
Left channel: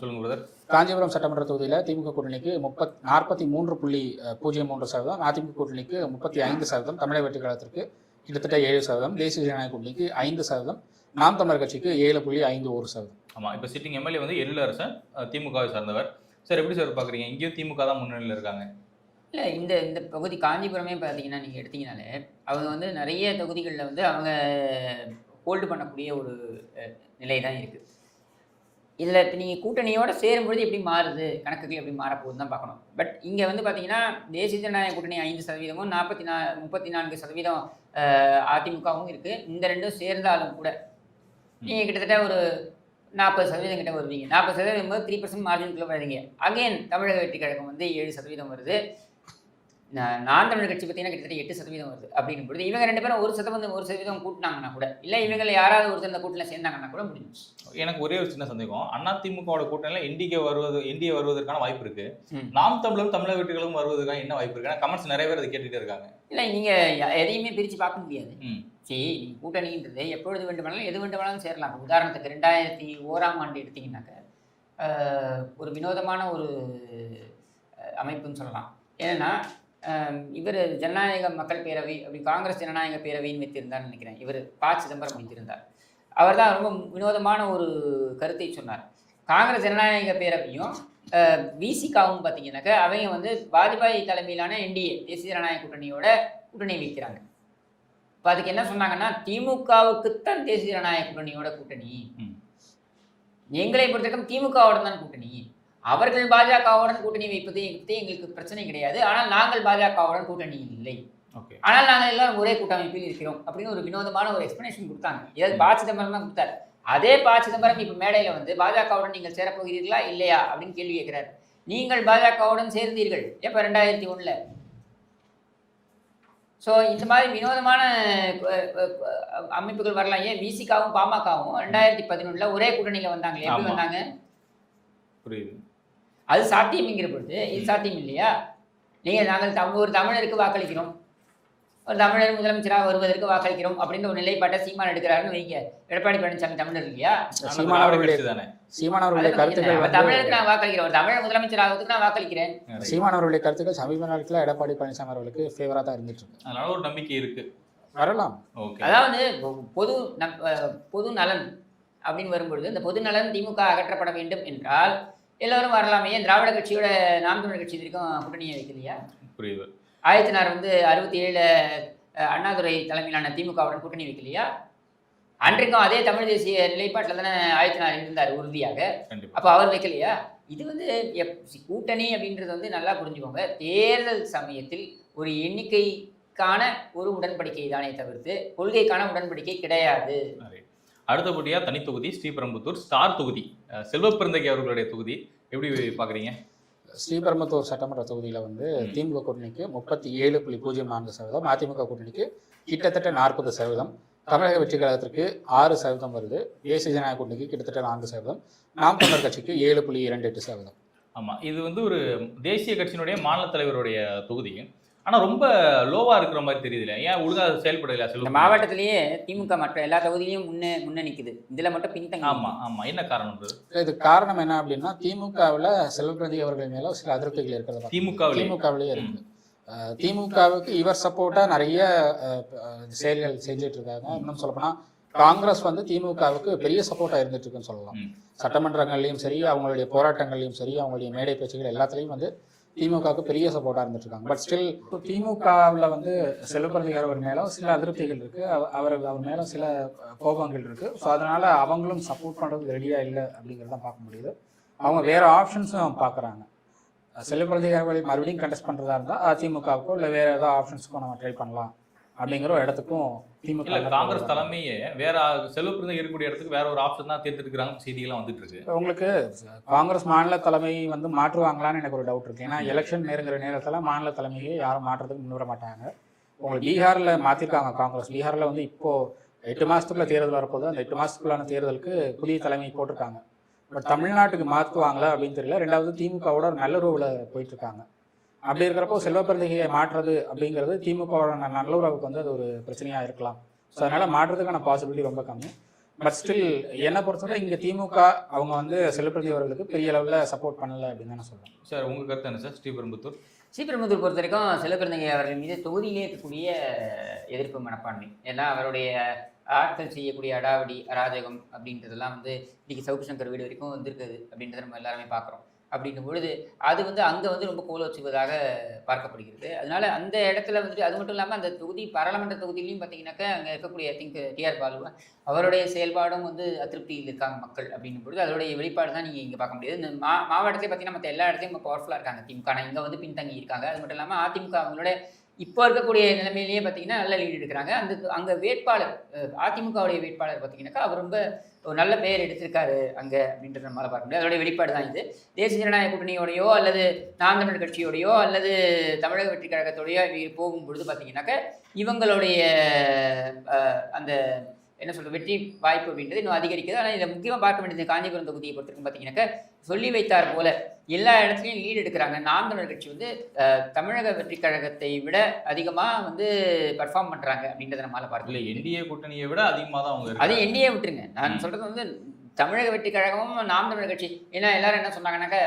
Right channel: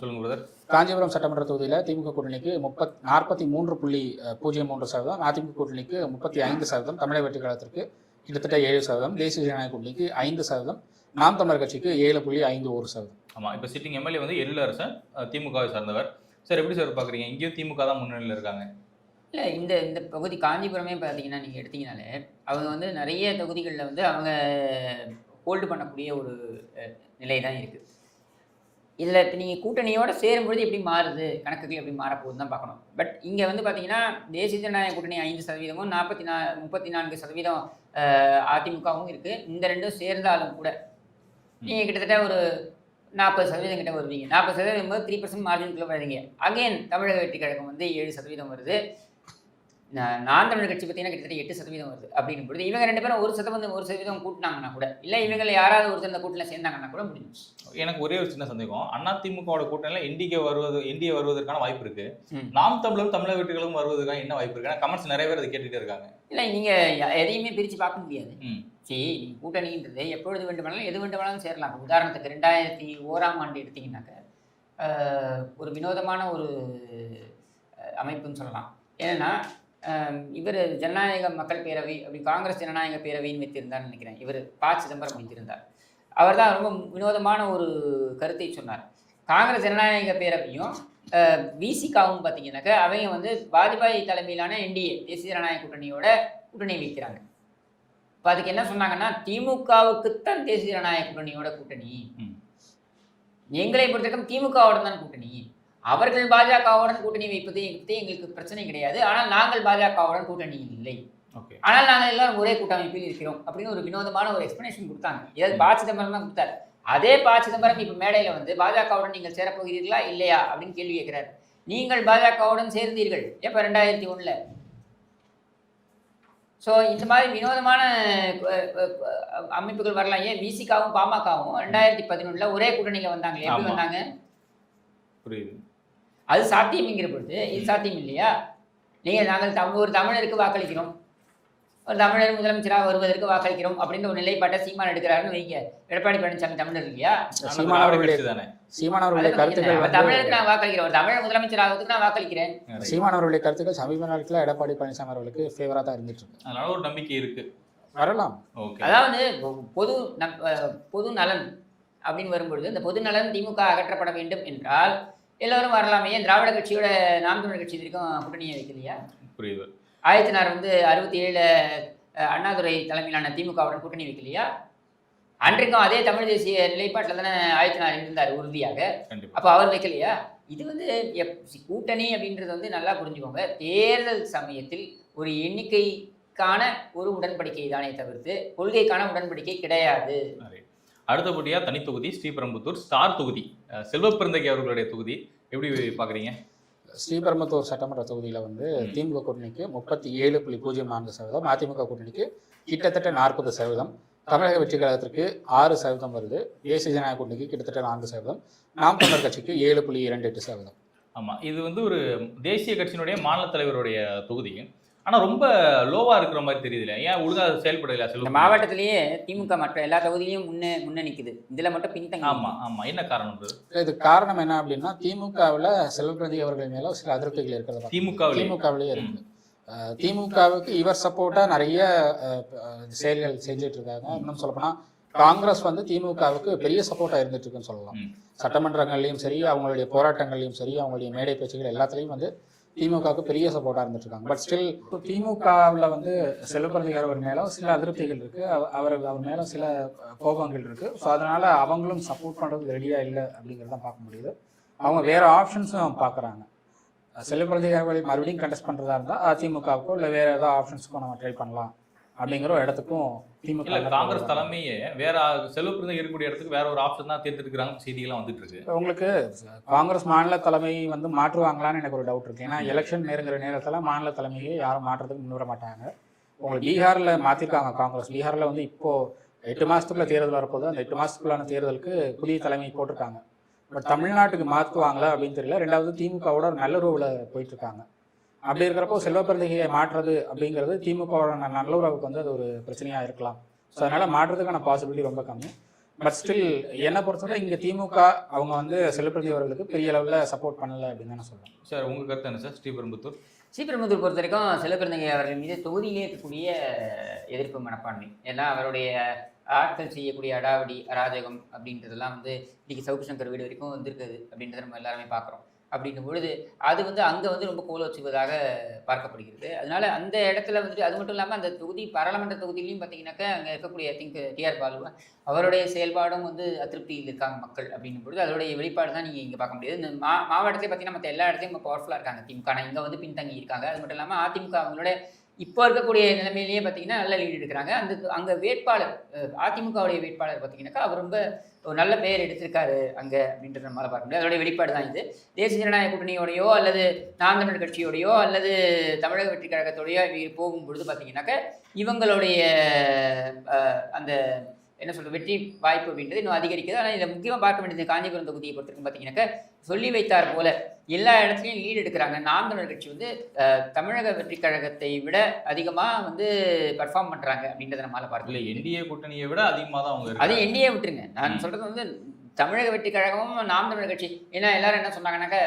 சொல்லுங்க பிரதர். காஞ்சிபுரம் சட்டமன்ற தொகுதியில் திமுக கூட்டணிக்கு 43.03%, அதிமுக கூட்டணிக்கு 35%, தமிழக வெற்றி கழகத்திற்கு கிட்டத்தட்ட 7%, தேசிய ஜனநாயக கூட்டணிக்கு 5%, நாம் தமிழர் கட்சிக்கு 7.51%. ஆமாம், இப்போ சிட்டிங் எம்எல்ஏ வந்து எழிலரசன் திமுகவை சார்ந்தவர். சார் எப்படி சார் பார்க்குறீங்க? இங்கேயும் திமுக தான் முன்னணியில் இருக்காங்க. இல்லை, இந்த பகுதி காஞ்சிபுரமே பார்த்தீங்கன்னா நீங்கள் எடுத்தீங்கனாலே அவங்க வந்து நிறைய தொகுதிகளில் வந்து அவங்க ஹோல்டு பண்ணக்கூடிய ஒரு நிலை தான் இருக்குது. இதில் இப்போ நீங்கள் கூட்டணியோடு சேரும்பொழுது எப்படி மாறுது, கணக்குகள் எப்படி மாறப்போகுதுன்னு தான் பார்க்கணும். பட் இங்கே வந்து பார்த்தீங்கன்னா தேசிய ஜனநாயக கூட்டணி 5%, 34% அதிமுகவும் இருக்குது. இந்த ரெண்டும் சேர்ந்தாலும் கூட நீங்கள் கிட்டத்தட்ட ஒரு 40% கிட்ட வருவீங்க. 40% 3% மார்ஜினுக்குள்ள வருவீங்க. அங்கேயும் தமிழக வெற்றி கழகம் வந்து 7% வருது. நாம் தமிழர் கட்சி பார்த்தீங்கன்னா கிட்டத்தட்ட 8% வருது. அப்படின்னும் பொழுது இவங்க 2 பேரும் 1% கூட்டினாங்கன்னா கூட, இல்லை இவங்களை யாராவது ஒருத்தர் கூட்டணியில் சேர்ந்தாங்கன்னா கூட முடியும். எனக்கு ஒரே ஒரு சின்ன சந்தேகம், அதிமுகவோட கூட்டணியில் என்டிஏ வருவதற்கான வாய்ப்பு இருக்கு. நாம் தமிழர் தமிழக வெற்றிகளும் வருவதற்கான என்ன வாய்ப்பு இருக்கு? ஏன்னா கமெண்ட்ஸ் நிறைய பேர் அதை கேட்டுகிட்டே இருக்காங்க. இல்லை, நீங்கள் எதையுமே பிரித்து பார்க்க முடியாது. சரி, நீங்கள் கூட்டணின்றது எப்பொழுது வேண்டுமானாலும் எது வேண்டுமானாலும் சேரலாம். உதாரணத்துக்கு 2001ஆம் ஆண்டு எடுத்தீங்கன்னாக்க ஒரு வினோதமான ஒரு அமைப்புன்னு சொல்லலாம். ஏன்னா இவர் ஜனநாயக மக்கள் பேரவை அப்படி காங்கிரஸ் ஜனநாயக பேரவைன்னு வைத்திருந்தார் நினைக்கிறேன். இவர் ப. சிதம்பரம் வைத்திருந்தார். அவர் தான் ரொம்ப வினோதமான ஒரு கருத்தை சொன்னார். காங்கிரஸ் ஜனநாயக பேரவையும் விசிகாவும் பார்த்தீங்கன்னாக்கா அவங்க வந்து வாஜ்பாய் தலைமையிலான என்டிஏ தேசிய ஜனநாயக கூட்டணியோட கூட்டணி வைக்கிறாங்க. இப்போ அதுக்கு என்ன சொன்னாங்கன்னா, திமுகவுக்குத்தான் தேசிய ஜனநாயக கூட்டணியோட கூட்டணி, எங்களை பொறுத்தவரைக்கும் திமுகவோட தான் கூட்டணி, அவர்கள் பாஜகவுடன் கூட்டணி வைப்பது எங்களுக்கு பிரச்சனை கிடையாது, ஆனால் நாங்கள் பாஜகவுடன் கூட்டணி இல்லை, ஆனால் நாங்கள் எல்லாம் ஒரே கூட்டமைப்பில் இருக்கிறோம் அப்படின்னு ஒரு வினோதமான ஒரு எக்ஸ்பிளனேஷன் கொடுத்தாங்க. ஏதாவது ப. சிதம்பரம் தான் கொடுத்தாரு. அதே ப. சிதம்பரம் இப்போ மேடையில் வந்து பாஜகவுடன் நீங்கள் சேரப்போகிறீர்களா இல்லையா அப்படின்னு கேள்வி கேட்கிறார். நீங்கள் பாஜகவுடன் சேர்ந்தீர்கள் எப்போ? 2001. ஸோ இந்த மாதிரி வினோதமான அமைப்புகள் வரலாம். ஏன் விசிகாவும் பாமகவும் 2011 ஒரே கூட்டணியில் வந்தாங்க. எப்படி வந்தாங்க? அது சாத்தியம்ங்கிற பொழுது இது சாத்தியம் இல்லையா? நாங்கள் ஒரு தமிழருக்கு வாக்களிக்கிறோம், ஒரு தமிழர் முதலமைச்சராக வருவதற்கு வாக்களிக்கிறோம் அப்படின்னு ஒரு நிலைப்பாட்டை சீமான் எடுக்கிறாருன்னு வைங்க. எடப்பாடி பழனிசாமி தமிழர் இல்லையா? தமிழருக்கு நான் வாக்களிக்கிறேன், ஒரு தமிழர் முதலமைச்சர் ஆகிறதுக்கு நான் வாக்களிக்கிறேன். சீமான் அவர்களுடைய கருத்துக்கள் சமீப காலத்தில் எடப்பாடி பழனிசாமி அவர்களுக்கு ஃபேவரா தான் இருந்துச்சு. அதனால ஒரு நம்பிக்கை இருக்கு, வரலாம். அதாவது பொது நலன் அப்படின்னு வரும்பொழுது இந்த பொது நலன் திமுக அகற்றப்பட வேண்டும் என்றால் எல்லோரும் வரலாமே. ஏன் திராவிட கட்சியோட நாம் தமிழர் கட்சி வரைக்கும் கூட்டணியை வைக்கலையா? புரியுது. ஆயத்தினார் வந்து 67 அண்ணாதுரை தலைமையிலான திமுகவுடன் கூட்டணி வைக்கலையா? அன்றைக்கும் அதே தமிழ் தேசிய நிலைப்பாட்டில் தானே ஆயத்தினார் இருந்தார் உறுதியாக. அப்போ அவர் வைக்கலையா? இது வந்து கூட்டணி அப்படின்றது வந்து நல்லா புரிஞ்சுக்கோங்க. தேர்தல் சமயத்தில் ஒரு எண்ணிக்கைக்கான ஒரு உடன்படிக்கை தானே தவிர்த்து கொள்கைக்கான உடன்படிக்கை கிடையாது. அடுத்தபடியாக தனி தொகுதி ஸ்ரீபெரும்புத்தூர் ஸ்டார் தொகுதி, செல்வப்பிறந்தகை அவர்களுடைய தொகுதி எப்படி பார்க்குறீங்க? ஸ்ரீபெரும்புத்தூர் சட்டமன்ற தொகுதியில் வந்து திமுக கூட்டணிக்கு 37.04%, அதிமுக கூட்டணிக்கு கிட்டத்தட்ட 40%, தமிழக வெற்றி கழகத்திற்கு 6% வருது, தேசிய ஜனநாயக கூட்டணிக்கு கிட்டத்தட்ட 4%, நாம் தமிழர் கட்சிக்கு 7.28%. ஆமாம், இது வந்து ஒரு தேசிய கட்சியினுடைய மாநில தலைவருடைய தொகுதி. ஆனால் ரொம்ப லோவாக இருக்கிற மாதிரி தெரியுது. ஏன் ஒழுங்கா செயல்படல? இந்த மாவட்டத்திலேயே திமுக மற்ற எல்லா தொகுதியிலையும் முன்ன நிக்குது, இதுல மட்டும் பின்தங்கி. ஆமா, என்ன காரணம்? இதுக்கு காரணம் என்ன அப்படின்னா, திமுகவில் செல்வப்பிரதி அவர்கள் மேல சில அதிருப்திகள் இருக்கிறது. திமுகவிலேயே இருக்கு. திமுகவுக்கு இவர் சப்போர்ட்டா நிறைய செயல்கள் செஞ்சுட்டு இருக்காங்க. இன்னும் சொல்லப்போனா காங்கிரஸ் வந்து திமுகவுக்கு பெரிய சப்போர்ட்டா இருந்துட்டு இருக்குன்னு சொல்லலாம். சட்டமன்றங்கள்லையும் சரி, அவங்களுடைய போராட்டங்கள்லையும் சரி, அவங்களுடைய மேடை பேச்சுகள் எல்லாத்துலேயும் வந்து திமுகவுக்கு பெரிய சப்போர்ட்டாக இருந்துட்டு இருக்காங்க. பட் ஸ்டில் திமுகவில் வந்து செல்வப்பிரதி அவர் மேலே சில அதிருப்திகள் இருக்கு, அவர் மேலே சில கோபங்கள் இருக்கு. ஸோ அதனால அவங்களும் சப்போர்ட் பண்ணுறது ரெடியாக இல்லை அப்படிங்கிறத பார்க்க முடியுது. அவங்க வேற ஆப்ஷன்ஸும் பார்க்குறாங்க. செல்வப்பிரதி அவர்களை மறுபடியும் கண்டெஸ்ட் பண்ணுறதா இருந்தால் அதிமுகவுக்கோ இல்லை வேற ஏதாவது ஆப்ஷன்ஸுக்கும் நம்ம ட்ரை பண்ணலாம் அப்படிங்கிற ஒரு இடத்துக்கும் திமுக. காங்கிரஸ் தலைமையே வேற செல்வப்பிரதி இருக்கக்கூடிய இடத்துக்கு வேற ஒரு ஆப்ஷன் தான் தேர்ந்தெடுக்கிறாங்க செய்திகள்லாம் வந்துட்டு இருக்கு. உங்களுக்கு காங்கிரஸ் மாநில தலைமை வந்து மாற்றுவாங்களான்னு எனக்கு ஒரு டவுட் இருக்கு. ஏன்னா எலெக்ஷன் நெருங்குற நேரத்தில் மாநில தலைமையை யாரும் மாற்றுறதுக்கு முன்வர மாட்டாங்க. உங்களுக்கு பீகாரில் மாற்றிருக்காங்க காங்கிரஸ். பீகாரில் வந்து இப்போ 8 மாதத்துக்குள்ள தேர்தல் வரப்போது. அந்த 8 மாதத்துக்குள்ளான தேர்தலுக்கு புதிய தலைமை போட்டிருக்காங்க. பட் தமிழ்நாட்டுக்கு மாற்றுவாங்களா அப்படின்னு தெரியல. ரெண்டாவது திமுகவோட நல்லுறவுல போயிட்டு இருக்காங்க. அப்படி இருக்கிறப்போ செல்வப்பிரதியை மாற்றுறது அப்படிங்கிறது திமுகவோட நல்லுறவுக்கு வந்து அது ஒரு பிரச்சனையாக இருக்கலாம். ஸோ அதனால் மாற்றுறதுக்கான பாசிபிலிட்டி ரொம்ப கம்மி. பட் ஸ்டில் என்னை பொறுத்தவரை இங்கே திமுக அவங்க வந்து செல்வப்பிரதி அவர்களுக்கு பெரிய அளவில் சப்போர்ட் பண்ணலை அப்படின்னு தான் நான் சொல்லுவேன். சார் உங்கள் கருத்து என்ன சார்? ஸ்ரீபெரும்புத்தூர் பொறுத்த வரைக்கும் செல்வப்பிரதியை அவர்கள் மீது தொகுதியிலே இருக்கக்கூடிய எதிர்ப்பு மனப்பான்மை, ஏன்னா அவருடைய ஆட்கள் செய்யக்கூடிய அடாவடி அராஜகம் அப்படின்றதெல்லாம் வந்து இன்றைக்கி சவுக்கு சங்கர் வீடு வரைக்கும் வந்திருக்குது அப்படின்றத நம்ம எல்லாருமே பார்க்குறோம். அப்படின்னும் பொழுது அது வந்து அங்கே வந்து ரொம்ப கோல வச்சுவதாக பார்க்கப்படுகிறது. அதனால அந்த இடத்துல வந்துட்டு அது மட்டும் இல்லாமல் அந்த தொகுதி பாராளுமன்ற தொகுதியிலையும் பார்த்தீங்கன்னாக்கா அங்கே இருக்கக்கூடிய டிஆர் பாலு அவருடைய செயல்பாடும் வந்து அதிருப்தியில் இருக்காங்க மக்கள் அப்படின்னும் பொழுது அதனுடைய வெளிப்பாடு தான் நீங்கள் இங்கே பார்க்க முடியாது. இந்த மாவட்டத்தை பார்த்தீங்கன்னா மற்ற எல்லா இடத்தையும் இப்போ பவர்ஃபுல்லாக இருக்காங்க திமுக, இங்கே வந்து பின்தங்கி இருக்காங்க. அது மட்டும் இல்லாமல் அதிமுக அவங்களோட இப்போ இருக்கக்கூடிய நிலைமையிலேயே பார்த்தீங்கன்னா நல்ல லீடு எடுக்கிறாங்க. அங்கே வேட்பாளர் அதிமுகவுடைய வேட்பாளர் பார்த்தீங்கன்னாக்கா அவர் ரொம்ப ஒரு நல்ல பெயர் எடுத்திருக்காரு அங்கே அப்படின்றத மாதிரி பார்க்க முடியும். அதோடைய வெளிப்பாடு தான் இது. தேசிய ஜனநாயக கூட்டணியோடையோ அல்லது நாம் தமிழர் கட்சியோடையோ அல்லது தமிழக வெற்றி கழகத்தோடையோ போகும்பொழுது பார்த்தீங்கன்னாக்கா இவங்களுடைய அந்த என்ன சொல்கிறது வெற்றி வாய்ப்பு அப்படின்றது இன்னும் அதிகரிக்குது. ஆனால் இதை முக்கியமாக பார்க்க வேண்டியது காஞ்சிபுரம் தொகுதியை பொறுத்திருக்கும் பார்த்தீங்கன்னாக்கா சொல்லி வைத்தார் போல எல்லா இடத்துலையும் லீடு எடுக்கிறாங்க. நாம் தமிழர் கட்சி வந்து தமிழக வெற்றி கழகத்தை விட அதிகமாக வந்து பர்ஃபார்ம் பண்ணுறாங்க அப்படின்றத நம்மளால் பார்க்கல. என்டிஏ கூட்டணியை விட அதிகமாக தான் அவங்க. அதே என்டிஏ விட்டுருங்க, நான் சொல்கிறது வந்து தமிழக வெற்றி கழகமும் நாம் தமிழர் கட்சி. ஏன்னா எல்லாரும் என்ன சொன்னாங்கன்னாக்கா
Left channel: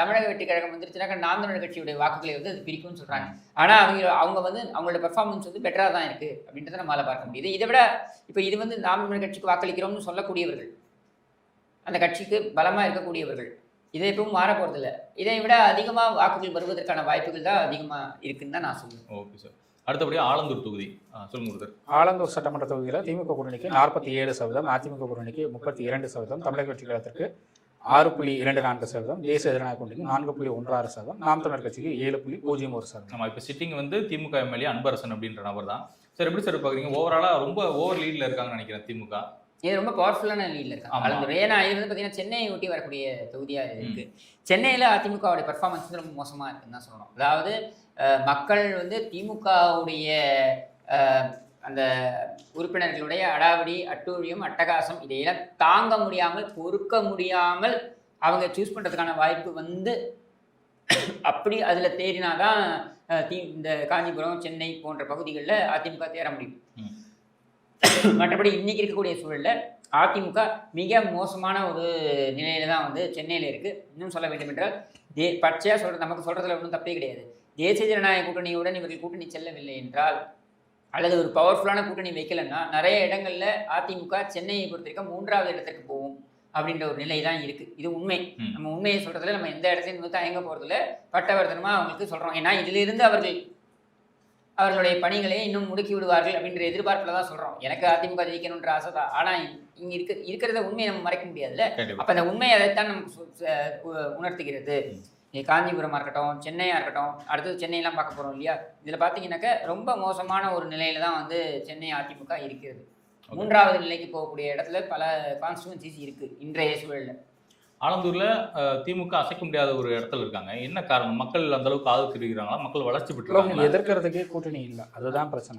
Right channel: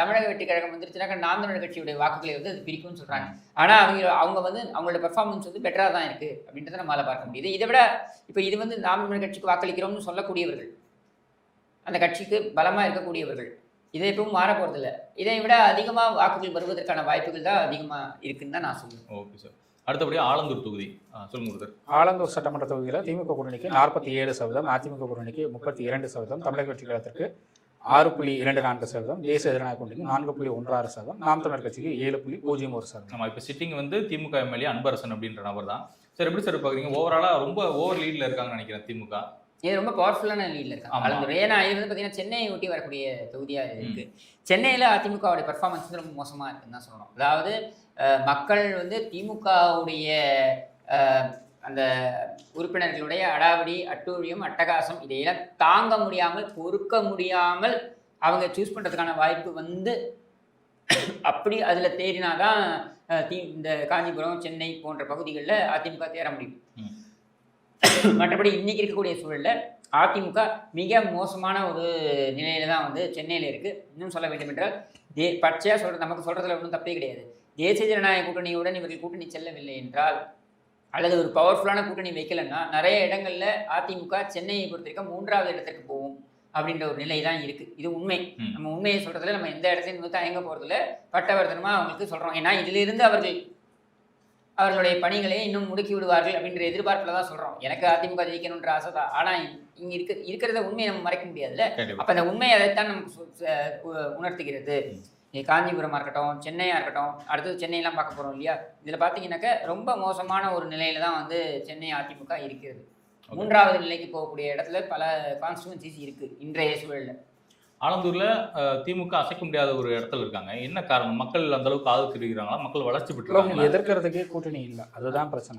தமிழக வெற்றி கழகம் வந்துருச்சுனாக்கா நாம் தமிழர் கட்சியுடைய வாக்குகளை வந்து இது பிரிக்கும்னு சொல்கிறாங்க. ஆனால் அவங்க வந்து அவங்களுடைய பர்ஃபார்மன்ஸ் வந்து பெட்டராக தான் இருக்குது அப்படின்றத நம்மளால் பார்க்க முடியுது. இதை விட இப்போ இது வந்து நாம் தமிழர் கட்சிக்கு வாக்களிக்கிறோம்னு சொல்லக்கூடியவர்கள், அந்த கட்சிக்கு பலமாக இருக்கக்கூடியவர்கள், இதை எப்பவும் மாற போகிறதில்ல. இதை விட அதிகமாக வாக்குகள் வருவதற்கான வாய்ப்புகள் தான் அதிகமாக இருக்குன்னு தான் நான் சொல்லுவேன். Okay sir. அடுத்தபடியாக ஆலந்தூர் தொகுதி சொல்லுங்க சார். ஆலந்தூர் சட்டமன்ற தொகுதியில் திமுக கூட்டணிக்கு 47%, அதிமுக கூட்டணிக்கு 32%, தமிழக வெற்றி கழகத்திற்கு 6.24%, தேசிய ஜனநாயக கூட்டணிக்கு 4.16%, நாம் தமிழர் கட்சிக்கு 7.01%. நம்ம இப்போ சிட்டிங் வந்து திமுக எம்எல்ஏ அன்பரசன் அப்படின்ற நபர் தான். சார் எப்படி சார் பார்க்குறீங்க? ஓவராலாக ரொம்ப ஓவர் லீடில் இருக்காங்கன்னு நினைக்கிறேன் திமுக. இது ரொம்ப பவர்ஃபுல்லான லீடில் இருக்காங்க. ஏன்னா இது வந்து பார்த்தீங்கன்னா சென்னையை ஒட்டி வரக்கூடிய தொகுதியாக இருக்குது. சென்னையில் அதிமுகவுடைய பர்ஃபார்மன்ஸ் வந்து ரொம்ப மோசமாக இருக்குன்னு தான் சொல்கிறோம். அதாவது மக்கள் வந்து திமுகவுடைய அந்த உறுப்பினர்களுடைய அடாவடி அட்டூழியம் அட்டகாசம் இதையெல்லாம் தாங்க முடியாமல் பொறுக்க முடியாமல் அவங்க சூஸ் பண்ணுறதுக்கான வாய்ப்பு வந்து அப்படி அதில் தேடினாதான் இந்த காஞ்சிபுரம் சென்னை போன்ற பகுதிகளில் அதிமுக தேர முடியும். மற்றபடி இன்னைக்கு இருக்கக்கூடிய சூழலில் அதிமுக மிக மோசமான ஒரு நிலையில தான் வந்து சென்னையில் இருக்குது. இன்னும் சொல்ல வேண்டும் என்றால் பச்சையாக சொல்கிறது, நமக்கு சொல்கிறதுல ஒன்றும் தப்பே கிடையாது. தேசிய ஜனநாயக கூட்டணியுடன் இவர்கள் கூட்டணி செல்லவில்லை என்றால் அல்லது ஒரு பவர்ஃபுல்லான கூட்டணி வைக்கலைன்னா நிறைய இடங்களில் அதிமுக சென்னையை பொறுத்த வரைக்கும் 3வது இடத்திற்கு போகும் அப்படின்ற ஒரு நிலை தான் இருக்குது. இது உண்மை. நம்ம உண்மையை சொல்கிறதுல நம்ம எந்த இடத்தையும் வந்து தயங்க போகிறதுல பட்டவர்த்தனமாக அவங்களுக்கு சொல்கிறோம். ஏன்னா இதிலிருந்து அவர்களுடைய பணிகளை இன்னும் முடுக்கி விடுவார்கள் அப்படின்ற எதிர்பார்ப்பில் தான் சொல்கிறோம். எனக்கு அதிமுக ஜெயிக்கணுன்ற ஆசை தான். ஆனால் இங்கே இருக்கிறத உண்மையை நம்ம மறைக்க முடியாதுல்ல. அப்போ அந்த உண்மையை அதைத்தான் நமக்கு உணர்த்துகிறது. காஞ்சிபுரமாக இருக்கட்டும், சென்னையாக இருக்கட்டும், அடுத்தது சென்னையெல்லாம் பார்க்க போகிறோம் இல்லையா? இதில் பார்த்தீங்கன்னாக்கா ரொம்ப மோசமான ஒரு நிலையில தான் வந்து சென்னை அதிமுக இருக்கிறது. 3வது நிலைக்கு போகக்கூடிய இடத்துல பல கான்ஸ்டிடுவன்சிஸ் இருக்குது இன்றைய சூழலில். ஆலந்தூர்ல திமுக அசைக்க முடியாத ஒரு இடத்துல இருக்காங்க. என்ன காரணம்? மக்கள் அந்த அளவுக்கு ஆதரவு தெரிவிக்கிறாங்களா? மக்கள் வளர்ச்சி பெற்றாங்க. எதிர்க்கிறதுக்கே கூட்டணி இல்லை, அதுதான் பிரச்சனை.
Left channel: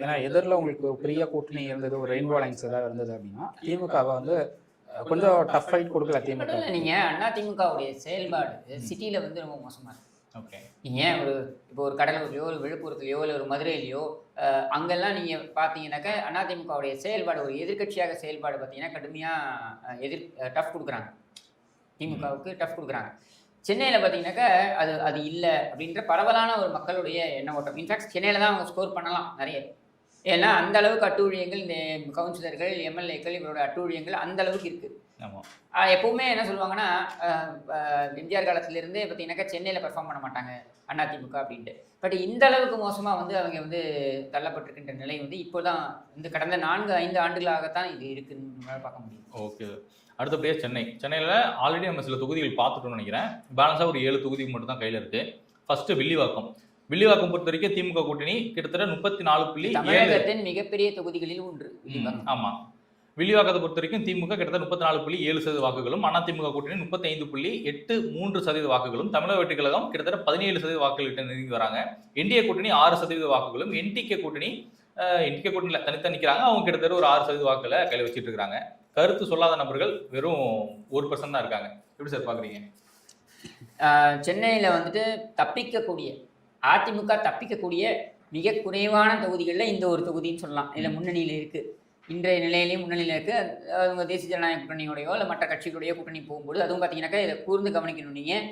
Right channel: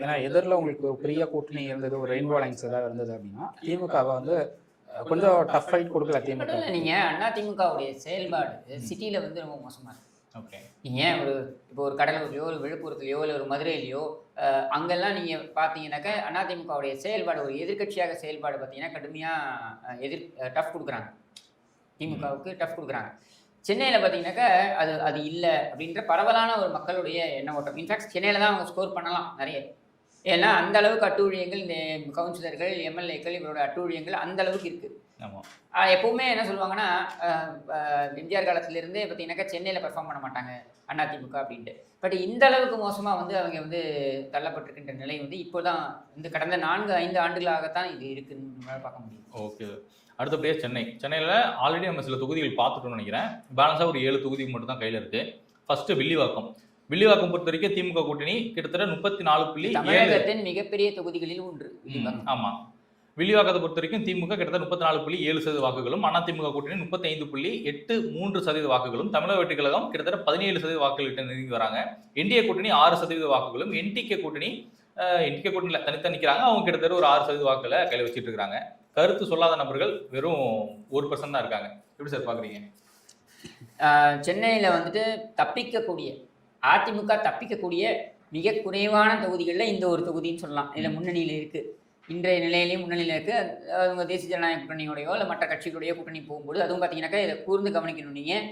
ஏன்னா எதிரில் உங்களுக்கு பெரிய கூட்டணி இருந்தது, ஒரு ரெயின்போ லைன்ஸ் ஏதாவது இருந்தது அப்படின்னா திமுகவை வந்து கொஞ்சம் டஃப் ஃபைட் கொடுக்கல திமுக. மட்டும் இல்லை, நீங்கள் அதிமுகவுடைய செயல்பாடு சிட்டியில் வந்து ரொம்ப மோசமாக இருக்குது. ஓகே. நீங்கள் இப்போ ஒரு கடலூர்லையோ ஒரு விழுப்புரத்துலையோ இல்லை ஒரு மதுரையிலையோ அங்கெல்லாம் நீங்கள் பார்த்தீங்கன்னாக்கா அதிமுகவுடைய செயல்பாடு, ஒரு எதிர்க்கட்சியாக செயல்பாடு பார்த்தீங்கன்னா கடுமையாக டஃப் கொடுக்குறாங்க, திமுகவுக்கு டஃப் கொடுக்குறாங்க. சென்னையில் பார்த்தீங்கன்னாக்கா அது இல்லை அப்படின்ற பரவலான ஒரு மக்களுடைய எண்ண ஓட்டம். இன்ஃபேக்ட் சென்னையில் தான் அவங்க ஸ்கோர் பண்ணலாம் நிறைய. ஏன்னா அந்த அளவுக்கு அட்டூழியங்கள், இந்த கவுன்சிலர்கள், எம்எல்ஏக்கள், இவரோட அட்டூழியங்கள் அந்த அளவுக்கு இருக்குது. எப்பவுமே என்ன சொல்லுவாங்கன்னா, எம்ஜிஆர் காலத்திலிருந்தே பார்த்தீங்கன்னாக்கா சென்னையில் பெர்ஃபார்ம் பண்ண மாட்டாங்க அதிமுக அப்படின்ட்டு. பட் இந்த அளவுக்கு மோசமாக வந்து அவங்க வந்து தள்ளப்பட்டிருக்கின்ற நிலை வந்து இப்போதான் இந்த கடந்த 4-5 ஆண்டுகளாகத்தான் இது இருக்குன்னு பார்க்க முடியும். ஓகே. அடுத்தபடியாக சென்னையில் ஆல்ரெடி நம்ம சில தொகுதிகள் பார்த்துக்கணும்னு நினைக்கிறேன். பேலன்ஸாக ஒரு 7 தொகுதி மட்டும் தான் கையில் இருக்குது. ஃபர்ஸ்ட் வில்லிவாக்கம் பொறுத்த வரைக்கும் திமுக கூட்டணி கிட்டத்தட்ட 34. தமிழகத்தின் மிகப்பெரிய தொகுதிகளில் ஒன்று. ஆமாம். வில்லிவாக்கத்தை பொறுத்த வரைக்கும் திமுக கிட்டத்தட்ட 34.7% வாக்குகளும், அதிமுக கூட்டணி 35.83% வாக்குகளும், தமிழக வெற்றி கழகம் கிட்டத்தட்ட 17% வாக்குகள் கிட்ட நெருங்கி வராங்க. என்டிஏ கூட்டணி 6% வாக்குகளும், என்டிகே கூட்டணியில் தனித்தனி நிற்கிறாங்க. அவங்க கிட்டத்தட்ட ஒரு 6% வாக்குகளை கையில் வச்சுட்டு இருக்காங்க. கருத்து சொல்லாத நபர்கள் வெறும் 1% தான் இருக்காங்க. எப்படி சார் பார்க்குறீங்க? சென்னையில் வந்துட்டு அதிமுக தப்பிக்கக்கூடிய மிக குறைவான தொகுதிகளில் இந்த ஒரு தொகுதின்னு சொல்லலாம். இதில் முன்னணியில் இருக்குது, இன்றைய நிலையிலேயும் முன்னணியில் இருக்குது. அவங்க தேசிய ஜனநாயக கூட்டணியோடையோ இல்லை மற்ற கட்சிகளுடைய கூட்டணி போகும்போது அதுவும் பார்த்தீங்கன்னாக்கா இதை கூர்ந்து கவனிக்கணும். நீங்கள்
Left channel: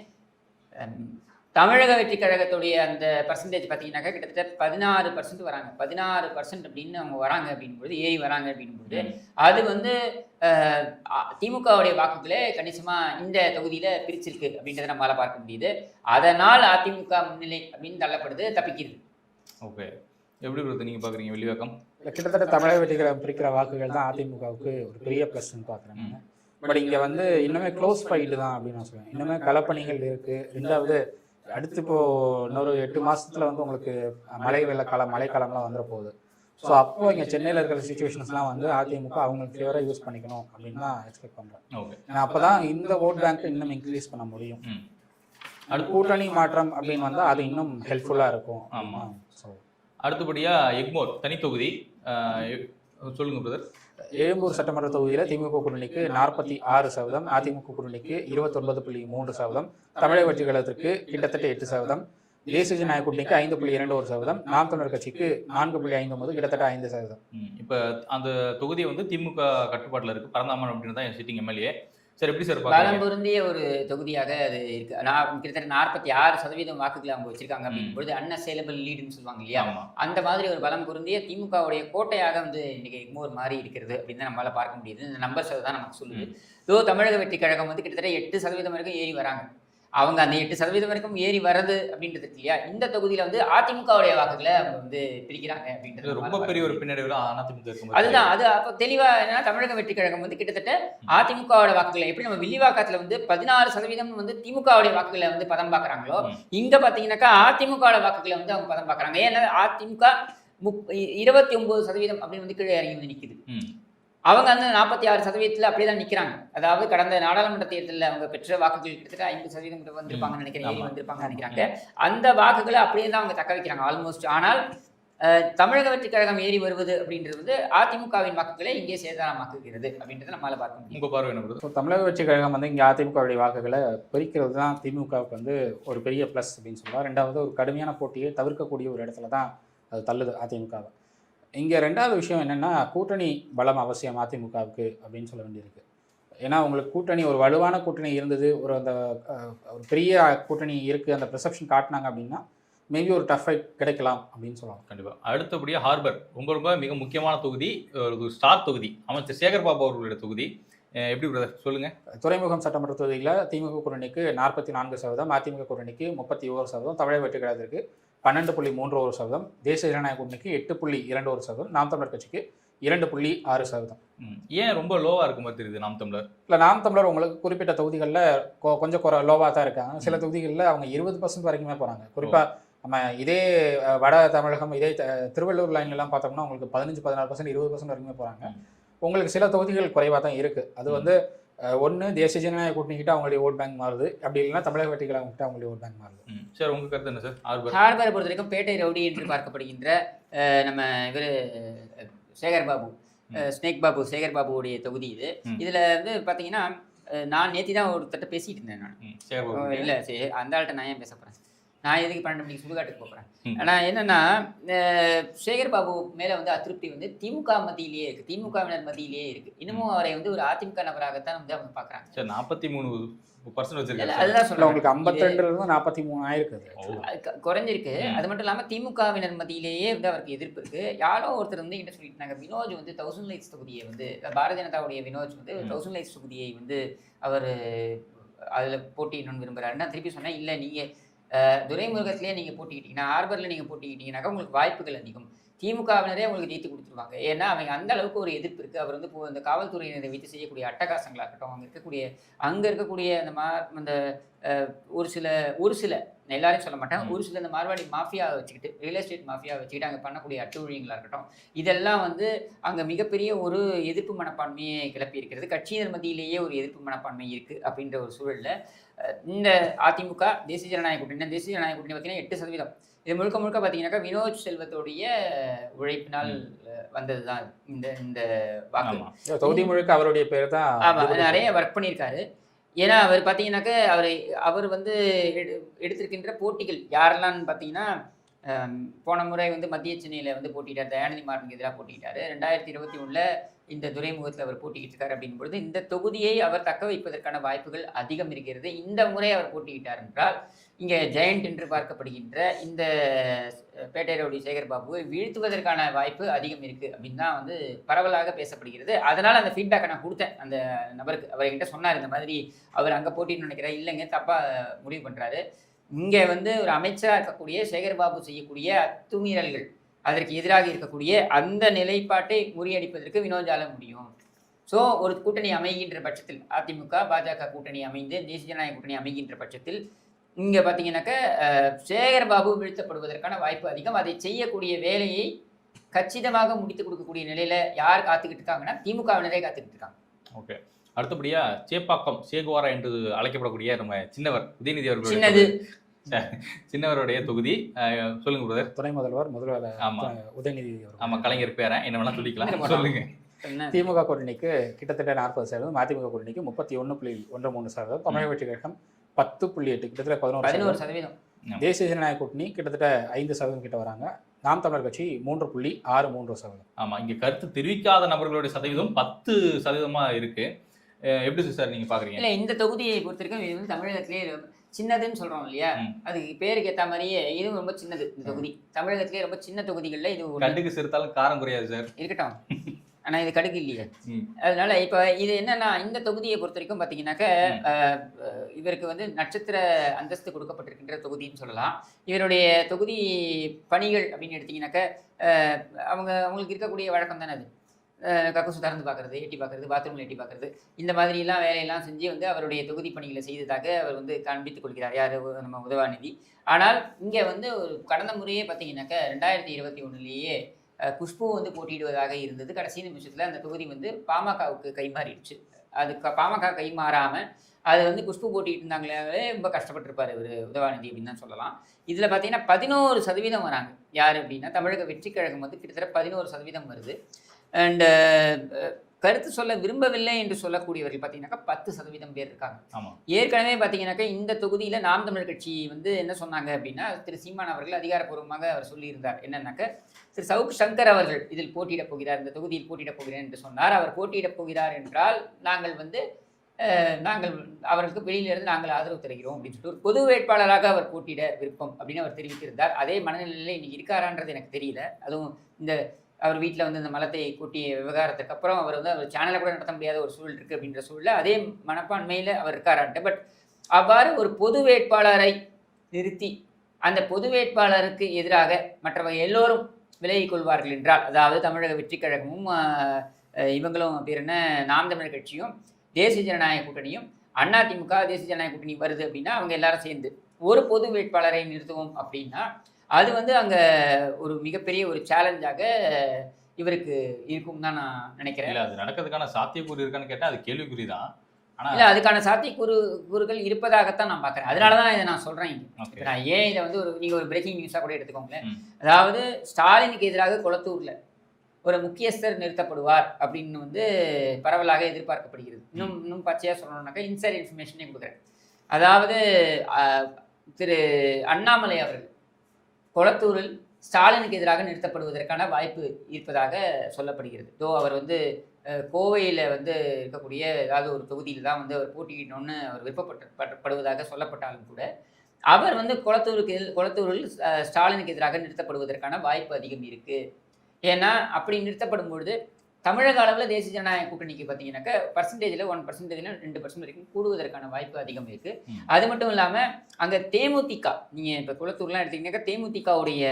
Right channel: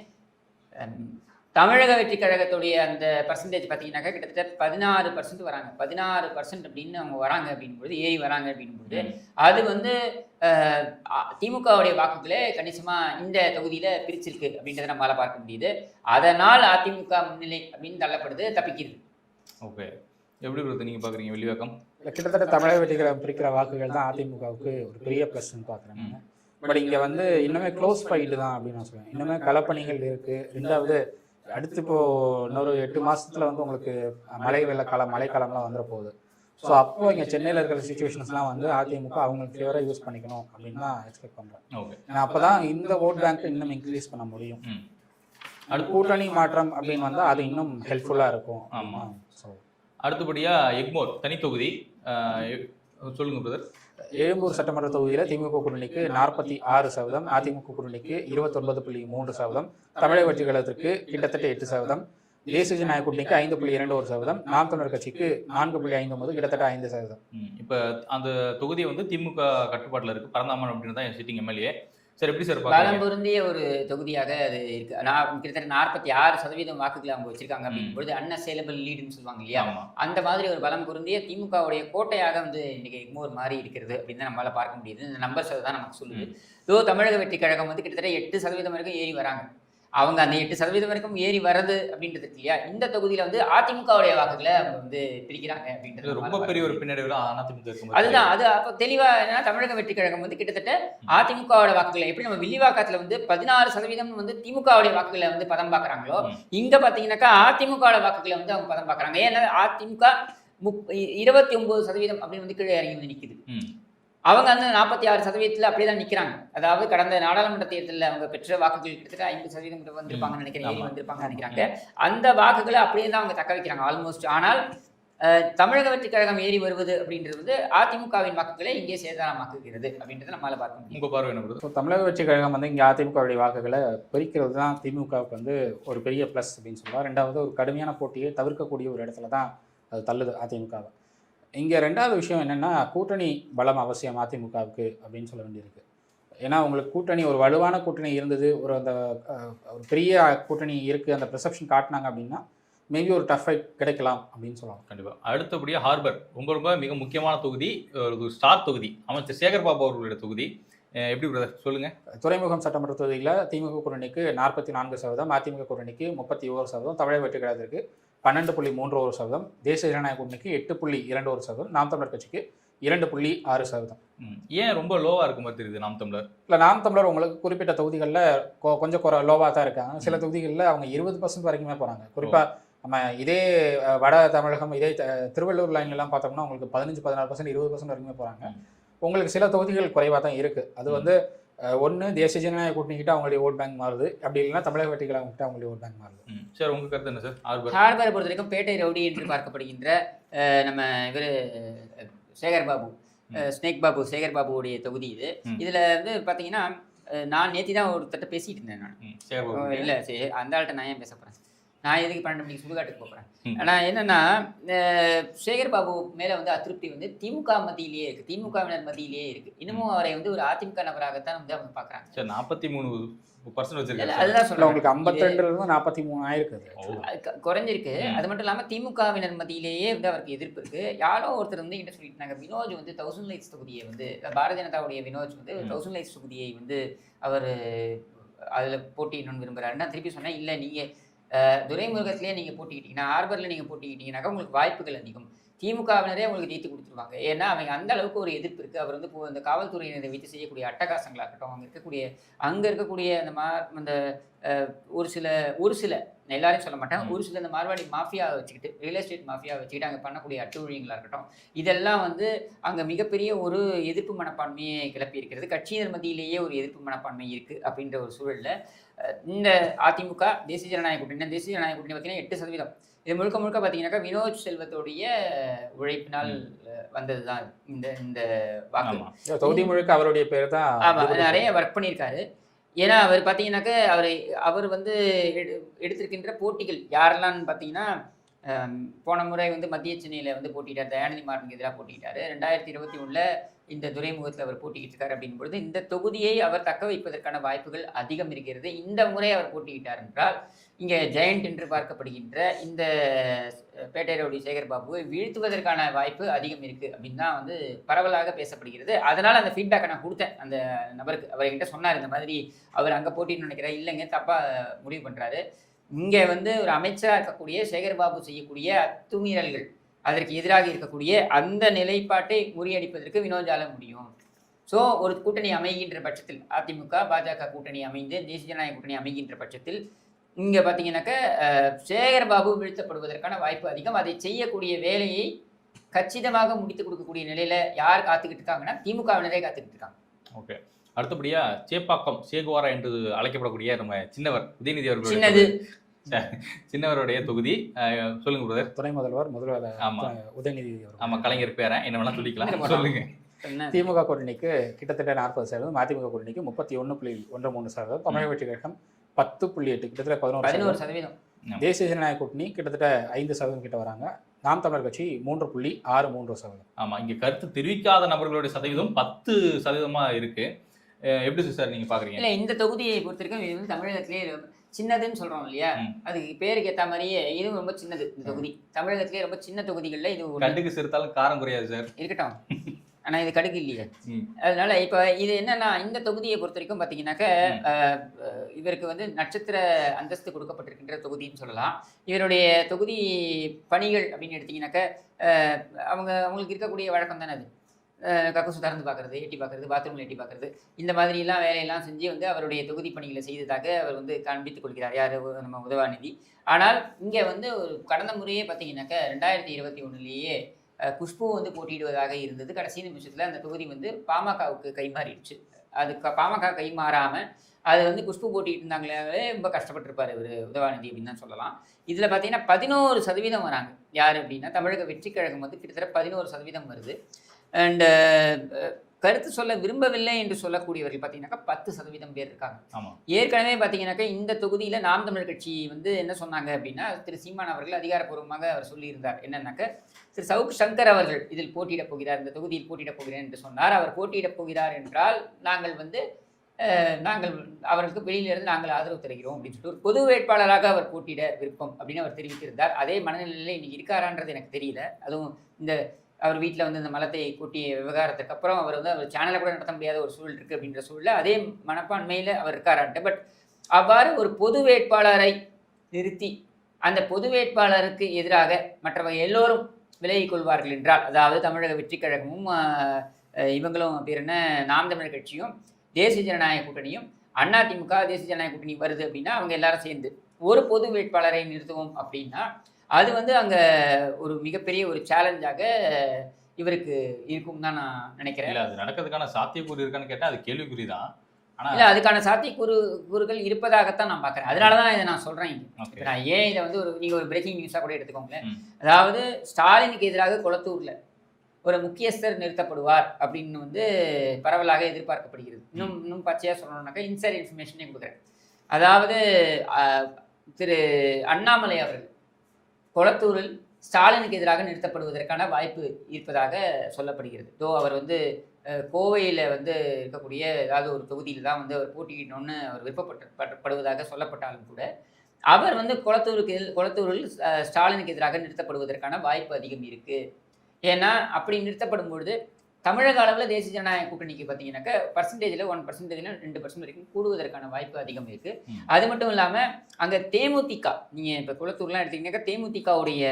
தமிழக வெற்றி கழகத்துடைய அந்த பர்சன்டேஜ் பார்த்தீங்கன்னாக்கா கிட்டத்தட்ட 16% வராங்க. 16% அப்படின்னு அவங்க வராங்க அப்படின்போது, ஏறி வராங்க அப்படின்போது, அது வந்து திமுகவுடைய வாக்குகளே கணிசமாக இந்த தொகுதியில் பிரிச்சிருக்கு அப்படின்றத நம்மளால் பார்க்க முடியுது. அதனால் அதிமுக முன்னிலை அப்படின்னு தள்ளப்படுது, தப்பிக்குது. ஓகே. எப்படி நீங்கள் பார்க்குறீங்க வில்லிவாக்கம்? கிட்டத்தட்ட தமிழக வெற்றி கழகம் பிரிக்கிற வாக்குகள் தான் அதிமுகவுக்கு ஒரு பெரிய ப்ளஸ்ன்னு பார்க்குறேன். பட் இங்கே வந்து இன்னுமே க்ளோஸ் ஃபைட் தான் அப்படின்னு நான் சொல்லுவேன். இன்னுமே களப்பணிகள் இருக்குது. ரெண்டாவது அடுத்து இன்னொரு 8 மாதத்தில் வந்து உங்களுக்கு மழைக்காலம்லாம் வந்துட போகுது. ஸோ அப்போ இங்கே சென்னையில் இருக்கிற சுச்சுவேஷன்ஸ்லாம் வந்து அதிமுக அவங்களுக்கு ஃபேவராக யூஸ் பண்ணிக்கணும் அப்படின்னு தான் எக்ஸ்பெக்ட் பண்ணுறேன். ஓகே. அப்போ தான் இந்த ஓட் பேங்க்கை இன்னும் இன்க்ரீஸ் பண்ண முடியும். அடுத்து கூட்டணி மாற்றம் அப்படின்னு வந்தால் அது இன்னும் ஹெல்ப்ஃபுல்லாக இருக்கும். ஆமாம். ஸோ அடுத்தபடியாக எக்மோர் தனித்தொகுதி சொல்லுங்கள் பிரதர். எழும்பூர் சட்டமன்ற தொகுதியில் திமுக கூட்டணிக்கு 46%, அதிமுக கூட்டணிக்கு 29.3%, தமிழக வெற்றி கழகத்திற்கு கிட்டத்தட்ட 8%, தேசிய ஜனநாயக கூட்டணிக்கு 5.21%, நாம் தமிழர் கட்சிக்கு 4.59, கிட்டத்தட்ட 5%. இப்போ அந்த தொகுதி வந்து திமுக கட்டுப்பாட்டில் இருக்குது. பரந்தாமன் அப்படின்னு தான் சிட்டிங் எம்எல்ஏ. சார் எப்படி சார் பலம் பொருந்திய ஒரு தொகுதியாக அது இருக்கு. கிட்டத்தட்ட 46% வாக்குகளை அவங்க வச்சிருக்காங்க அப்படிங்கும்போது அன்அசைலபிள் லீடுன்னு சொல்லுவாங்க இல்லையா, அந்த மாதிரி ஒரு பலம் பொருந்திய திமுகவுடைய கோட்டையாக வந்து இன்னைக்கு எக்மோர் மாறி இருக்கிறது அப்படின்னு நம்மளால பார்க்க முடியுது. இந்த நம்பர்ஸ் தான் நமக்கு சொல்லுது. தமிழக வெற்றி கழகம் வந்து கிட்டத்தட்ட 8% வரைக்கும் ஏறி வராங்க. அவங்க அந்த 8% வரைக்கும் ஏறி வருது அப்படின்றது இல்லையா. இந்த தொகுதியில வந்து அதிமுகவுடைய வாக்குகளை அவங்க வந்து பிரிக்கிறாங்க அப்படின்றது ரொம்ப பெரிய ஒரு பின்னடைவு அதிமுக. அதுதான் அது அப்போ தெளிவா என்னன்னா, தமிழக வெற்றி கழகம் வந்து கிட்டத்தட்ட அதிமுகவோட வாக்குகளை எப்படி நம்ம வில்லிவாக்கத்துல வந்து 16% வந்து திமுகவுடைய வாக்குகளை வந்து பதம் பார்க்குறாங்களோ, இங்க பாத்தீங்கன்னாக்கா அதிமுகவோட வாக்குகளை வந்து அவங்க பதம் பார்க்குறாங்க. ஏன்னா அதிமுக 29% அப்படி வந்து கீழே இறங்கி வந்து நிக்குது. அவங்க அந்த 46% அப்படியே தான் நிற்கிறாங்க. அதாவது கடந்த நாடாளுமன்ற தேர்தலில் அவங்க பெற்ற வாக்குகள் கிட்டத்தட்ட 50% வந்திருப்பாங்கன்னு நினைக்கிறேன், ஏறி வந்திருப்பாங்கன்னு நினைக்கிறாங்க. அந்த வாக்குகளை அப்படியே தான் அவங்க தக்க வைக்கிறாங்க ஆல்மோஸ்ட். ஆனால் தமிழக வெற்றி கழகம் ஏறி வருவது அப்படின்றது வந்து அதிமுகவின் வாக்குகளை இங்கே சேதாரமாக்குகிறது அப்படின்றத நம்மளால பார்க்க முடியும். உங்கள் பார்வை என்ன? ஸோ தமிழக வெற்றி கழகம் வந்து இங்கே அதிமுகவுடைய வாக்குகளை பறிக்கிறது தான் திமுகவுக்கு வந்து ஒரு பெரிய ப்ளஸ் அப்படின்னு சொல்லலாம். ரெண்டாவது ஒரு கடுமையான போட்டியை தவிர்க்கக்கூடிய ஒரு இடத்துல தான் தள்ளுது அதிமுக. இங்கே ரெண்டாவது விஷயம் என்னென்னா, கூட்டணி பலம் அவசியம் அதிமுகவுக்கு அப்படின்னு சொல்லி இருக்கு. ஏன்னா அவங்களுக்கு கூட்டணி ஒரு வலுவான கூட்டணி இருந்தது, ஒரு பெரிய கூட்டணி இருக்குது, அந்த பெர்செப்ஷன் காட்டினாங்க அப்படின்னா மேபி ஒரு டஃப் ஃபைட் கிடைக்கலாம் அப்படின்னு சொல்லலாம். கண்டிப்பாக. அடுத்தபடியாக ஹார்பர் ரொம்ப மிக முக்கியமான தொகுதி, ஒரு ஸ்டார் தொகுதி, அமைச்சர் சேகர் பாபு அவர்களுடைய தொகுதி. எப்படி பிரதர் சொல்லுங்கள்? துறைமுகம் சட்டமன்ற தொகுதியில் திமுக கூட்டணிக்கு 44%, அதிமுக கூட்டணிக்கு 31%, தமிழக வெற்றி கழகத்திற்கு 12.31%, தேசிய ஜனநாயக கூட்டணிக்கு 8.21%, நாம் தமிழர் கட்சிக்கு 2.6%. ஏன் ரொம்ப லோவாக இருக்கும் மாதிரி தெரியுது நாம் தமிழர்? இல்லை, நாம் தமிழர் உங்களுக்கு குறிப்பிட்ட தொகுதிகளில் கொஞ்சம் லோவாக தான் இருக்காங்க. சில தொகுதிகளில் அவங்க 20% வரைக்குமே போகிறாங்க. குறிப்பாக நம்ம இதே வட தமிழகம், இதே திருவள்ளூர் லைன்லாம் பார்த்தோம்னா உங்களுக்கு 15-16%, 20% வரைக்குமே போகிறாங்க. உங்களுக்கு சில தொகுதிகள் குறைவாக தான் இருக்குது. அது வந்து ஒன்று தேசிய ஜனநாயக கூட்டணிக்கிட்ட அவங்களுடைய ஓட் பேங்க் மாறுது, அப்படி இல்லைன்னா தமிழக வெற்றி கழகம்கிட்ட அவங்களுடைய ஓட் பேங்க் மாறுது. சார் உங்கள் கருத்து என்ன சார்? ஹார்பரை பொறுத்த வரைக்கும் பேட்டை ரவுடி என்று பார்க்கப்படுகின்ற நம்ம இவர் சேகர் பாபு ஸ்னேக் பாபு, சேகர் பாபுவுடைய தொகுதி இது. இதுல வந்து பாத்தீங்கன்னா நான் நேத்தி தான் ஒருத்தட்ட பேசிட்டு இருந்தேன். நான் இல்ல சரி, அந்த ஆள்கிட்ட நான் ஏன் பேச போறேன், நான் எதுக்கு 12 மணிக்கு சுடுகாட்டுக்கு போகிறேன். ஆனால் என்னன்னா சேகர் பாபு மேலே வந்து அதிருப்தி வந்து திமுக மத்தியிலேயே இருக்குது, திமுகவினர் மத்தியிலேயே இருக்குது. இன்னமும் அவரை வந்து ஒரு அதிமுக நபராகத்தான் வந்து பார்க்குறாங்க. சரி, 43% வச்சிருக்காங்க. அதுதான் சொல்ல உங்களுக்கு 52 43 ஆயிருக்குது, குறைஞ்சிருக்கு. அது மட்டும் இல்லாமல் திமுகவினர் மத்தியிலேயே வந்து அவருக்கு எதிர்ப்பு இருக்கு. யாரோ ஒருத்தர் வந்து என்ன சொல்லிட்டாங்க, வினோஜ் வந்து 1000 லைக்ஸ் தொகுதியை வந்து பாரதிய ஜனதாவுடைய வினோஜ் வந்து 1000 லைக்ஸ் தொகுதியை வந்து அவர் அதில் போட்டிடணும்னு விரும்புகிறாருன்னா திருப்பி சொன்னால் இல்லை, நீங்கள் துரைமுருகத்திலே நீங்கள் போட்டிக்கிட்டீங்கன்னா, ஆர்பரில் நீங்கள் போட்டிக்கிட்டீங்கன்னாக்கா உங்களுக்கு வாய்ப்புகள் அதிகம். திமுகவினரே உங்களுக்கு ஜெயித்து கொடுத்துருவாங்க. ஏன்னா அவங்க அந்த அளவுக்கு ஒரு எதிர்ப்பு இருக்குது. அவர் வந்து இப்போ இந்த காவல்துறையினரை வைத்து செய்யக்கூடிய அட்டகாசங்களாகட்டும், அங்கே இருக்கக்கூடிய அந்த ஒரு சில எல்லாரையும் சொல்ல மாட்டேன், ஒரு சில இந்த மார்வாடி மாஃபியாவை வச்சுக்கிட்டு, ரியல் எஸ்டேட் மாஃபியாவை வச்சுக்கிட்டு அங்கே பண்ணக்கூடிய அட்டுழியங்களாக இருக்கட்டும், இதெல்லாம் வந்து அங்கே மிகப்பெரிய ஒரு எதிர்ப்பு மனப்பான்மையை கிளப்பி இருக்கிறது. கட்சியினர் மத்தியிலேயே ஒரு எதிர்ப்பு மனப்பான்மை இருக்குது அப்படின்ற ஒரு சூழலில் இந்த அதிமுக தேசிய ஜனநாயக கூட்டணி பார்த்தீங்கன்னா 8%. இது முழுக்க பார்த்தீங்கன்னாக்கா வினோத் செல்வத்தோடைய உழைப்பினால் வந்தது தான் இந்த வாக்கு. தொகுதி முழுக்க அவருடைய பேர் தான் நிறைய ஒர்க் பண்ணியிருக்காரு. ஏன்னா அவர் பார்த்தீங்கன்னாக்கா அவர் வந்து எடுத்திருக்கின்ற போட்டிகள் யாரெல்லாம் பார்த்தீங்கன்னா, போன முறை வந்து மத்திய சென்னையில் வந்து போட்டிட்டார், தயாநிதி மாறனுக்கு எதிராக போட்டிட்டார். 2021 இந்த துறைமுகத்தில் அவர் போட்டிக்கிட்டார். அப்படிங்கும்பொழுது இந்த தொகுதியை அவர் தக்க வைப்பதற்கான வாய்ப்புகள் அதிகம் இருக்கிறது. இந்த முறை அவர் போட்டியிட்டார் என்றால் இங்கே ஜெயண்ட் என்று பார்க்கப்படுகின்ற இந்த பேட்டை ரவுடி சேகர் பாபுவை வீழ்த்துவதற்கான வாய்ப்பு அதிகம் இருக்குது அப்படின்னு தான் வந்து பரவலாக பேசப்படுகிறது. அதனால் அந்த ஃபீட்பேக்கை நான் கொடுத்தேன் அந்த நபருக்கு. அவர் என்கிட்ட சொன்னார், இந்த மாதிரி அவர் அங்கே போட்டின்னு நினைக்கிறார், இல்லைங்க தப்பாக முடிவு பண்ணுறாரு. இங்கே வந்து ஒரு அமைச்சராக இருக்கக்கூடிய சேகர் பாபு செய்யக்கூடிய அத்துமீறல்கள், அதற்கு எதிராக இருக்கக்கூடிய அந்த நிலைப்பாட்டை முறியடிப்பதற்கு வினோஜால முடியும். ஸோ ஒரு கூட்டணி அமைகின்ற பட்சத்தில், அதிமுக பாஜக கூட்டணி அமைந்து தேசிய ஜனநாயக கூட்டணி அமைகின்ற பட்சத்தில் இங்கே பார்த்தீங்கன்னாக்கா சேகர் பாபு வீழ்த்தப்படுவதற்கான வாய்ப்பு அதிகம். அதை செய்யக்கூடிய வேலையை கச்சிதமாக முடித்து கொடுக்கக்கூடிய நிலையில யார் காத்துக்கிட்டு இருக்காங்கன்னா திமுகவினரே காத்துக்கிட்டு இருக்காங்க. ஓகே, அடுத்தபடியா சேப்பாக்கம் சேகுவாரா என்று அழைக்கப்படக்கூடிய நம்ம சின்னவர் உதயநிதி அவர்கள் சின்னவருடைய தொகுதி சொல்லுங்க பிரதர். துணை முதல்வர் உதயநிதி. ஆமா, கலைஞர் பேரன் என்ன வேணா சொல்லிக்கலாம், சொல்லுங்க. திமுக கூட்டணிக்கு கிட்டத்தட்ட 40%, அதிமுக கூட்டணிக்கு 31.13%, தமிழக வெற்றி கழகம் 10.8, கிட்டத்தட்ட 11%. தேசிய ஜனநாயக கூட்டணி கிட்டத்தட்ட 5% கிட்ட வராங்க. நாம் தமிழர் கட்சி 3.63%. ஆமா, இங்க கருத்து தெரிவிக்காத நபர்களுடைய சதவீதம் 10% இருக்கு. எப்படி சார் நீங்க பாக்குறீங்க? இல்ல, இந்த தொகுதியை பொறுத்த வரைக்கும் இது வந்து தமிழகத்திலேயே சின்னதுன்னு சொல்றோம் இல்லையா, அது பேருக்கு ஏற்ற மாதிரியே இதுவும் ரொம்ப சின்னது. இந்த தொகுதி தமிழகத்திலேயே ரொம்ப சின்ன தொகுதிகளில் இது கடுகு சிறுத்தாலும் காரம் குறையாது சார், இருக்கட்டும். ஆனா இது கடுகு இல்லையா, அதனால இப்ப இது என்னன்னா, இந்த தொகுதியை பொறுத்த வரைக்கும் பாத்தீங்கன்னாக்க இவருக்கு வந்து நட்சத்திர அந்தஸ்து கொடுக்கப்பட்டிருக்கின்ற தொகுதின்னு சொல்லலாம். இவருடைய தொகுதி பணிகள் அப்படின்னு எடுத்தீங்கன்னாக்க அவங்களுக்கு இருக்கக்கூடிய வழக்கம் தானே அது. கக்கூசு திறந்து பார்க்கறது, எட்டி பார்க்கறது, பாத்ரூமில் எட்டி பார்க்கறது, இந்த மாதிரிலாம் வேலையெல்லாம் செஞ்சு வந்து அவருடைய தொகுதி பணிகளை செய்ததாக அவர் வந்து காண்பித்துக் கொள்கிறார், யார் நம்ம உதயநிதி. ஆனால் இங்கே வந்து ஒரு கடந்த முறையே பார்த்தீங்கன்னாக்க 2021 குஷ்பு வந்து போட்டியிடுவதாக இருந்தது. கடைசி நிமிஷத்தில் அந்த தொகுதி வந்து பாமகவுக்கு கைமாறிடுச்சு. அதுக்கு பாமக கைமாறாமல் அது வந்து குஷ்பு போட்டிட்டு இருந்தாங்களே, ரொம்ப கஷ்டப்பட்டிருப்பார் இவர் உதயநிதி அப்படின்னு தான் சொல்லலாம். இதில் பார்த்தீங்கன்னா 11% வராங்க. யார் அப்படின்னா தமிழக வெற்றி கழகம் வந்து கிட்டத்தட்ட 11% வருது. அண்ட் கருத்து சொல்ல விரும்பவில்லை என்று சொல்லக்கூடியவர்கள் பார்த்தீங்கன்னாக்கா 10% பேர் இருக்காங்க. ஏற்கனவே பார்த்தீங்கன்னாக்கா இந்த தொகுதியில் நாம் தமிழர் கட்சி வந்து என்ன சொன்னாங்க அப்படின்னா, திரு சீமான் அவர்கள் அதிகாரப்பூர்வமாக அவர் சொல்லியிருந்தார் என்னன்னாக்க, திரு சவுக் சங்கர் அவர்கள் இதில் போட்டியிடப் போகிறார், இந்த தொகுதியில் போட்டியிடப் போகிறார் என்று சொன்னார். அவர் போட்டியிடப் போகிறார் என்றால் நாங்கள் அவர்களுக்கு வெளியிலிருந்து நாங்கள் ஆதரவு தருகிறோம் அப்படின்னு சொல்லிட்டு ஒரு பொது வேட்பாளராக அவர் போட்டியிட விருப்பம் அப்படின்னு அவர் தெரிவித்திருந்தார். அதே மனநிலையில் இன்னைக்கு இருக்காரான்றது எனக்கு தெரியல. அதுவும் இந்த அவர் வீட்டில் வந்து இந்த மலத்தை கூட்டிய விவகாரத்துக்கு அப்புறம் அவர் வந்து அவர் சேனலை கூட நடத்த முடியாத ஒரு சூழல் இருக்குது அப்படின்ற சூழலில் அதே மனப்பான்மையில் அவர் இருக்காரான்ட்டு. பட் அவ்வாறு ஒரு பொது வேட்பாளரை நிறுத்தி அந்த பொது வேட்பாளருக்கு எதிராக மற்றவங்க எல்லோரும் விலகிக் கொள்வார்கள் என்றால், அதாவது தமிழக வெற்றி கழகமும் இவங்களும் பேர் என்ன நாம் தமிழர் கட்சியும் தேசிய ஜனநாயக கூட்டணியும் அதிமுக தேசிய ஜனநாயக கூட்டணி வருது அப்படின்னா அவங்க எல்லாரும் சேர்ந்து ஒரு பொது வேட்பாளரை நிறுத்துவோம் அப்படின்னா அது வந்து அங்கே ஒரு மிகப்பெரிய ஒரு சேலஞ்சாக இவருக்கு இருக்கும் தான் நான் நினைக்கிறேன். அது நடக்கிறதுக்கான சாத்தியக்கூறு இருக்கான்னு கேட்டால் அது கேள்விக்குறி தான். இல்லை, அதுக்கான சாத்தியக்கூறுகள் இருப்பதாகத்தான் நான் பார்க்குறேன். அதனால தான் இதை நான் சொல்கிறேன். அதாவது ஸ்டாலினுக்கு எதிராக ஒரு முக்கியஸ்தர் நிறுத்தப்படுவார் சொல்றாங்க. இன்சைட் இன்ஃபர்மேஷனே கொடுக்குறேன். அதாவது திரு அண்ணாமலை அவர்கள் கொளத்தூரில் ஸ்டாலினுக்கு எதிராக நிறுத்தப்படுவதற்கான வாய்ப்பு இருப்பதாக சொல்லப்படுகிறது. ஸோ அவர் வந்து கோவையில் வந்து இருக்கக்கூடிய ஏதாவது ஒரு தொகுதியில் தான் வந்து அவர் போட்டியிடணும்னு அவர் விருப்பப்படுவதாக சொல்லப்பட்டாலும் கூட அவர் வந்து கொளத்தூரில் ஸ்டாலினுக்கு எதிராக நிறுத்தப்படுவதற்கான வாய்ப்பு அதிகம் இருக்குது. ஏன்னா அப்படி நிறுத்தப்படும் பொழுது தமிழக அளவில் தேசிய ஜனநாயக கூட்டணிக்கு பார்த்தீங்கன்னாக்கா பர்சன்டேஜில் 1% 2% வரைக்கும் கூடுவதற்கான வாய்ப்பு அதிகம் இருக்குது. அது மட்டும் இல்லாமல் அங்கே தேமுதிக, நீங்கள் இப்போ குளத்தூர்லாம் எடுத்தீங்கன்னாக்கா தேமுதிகவுடைய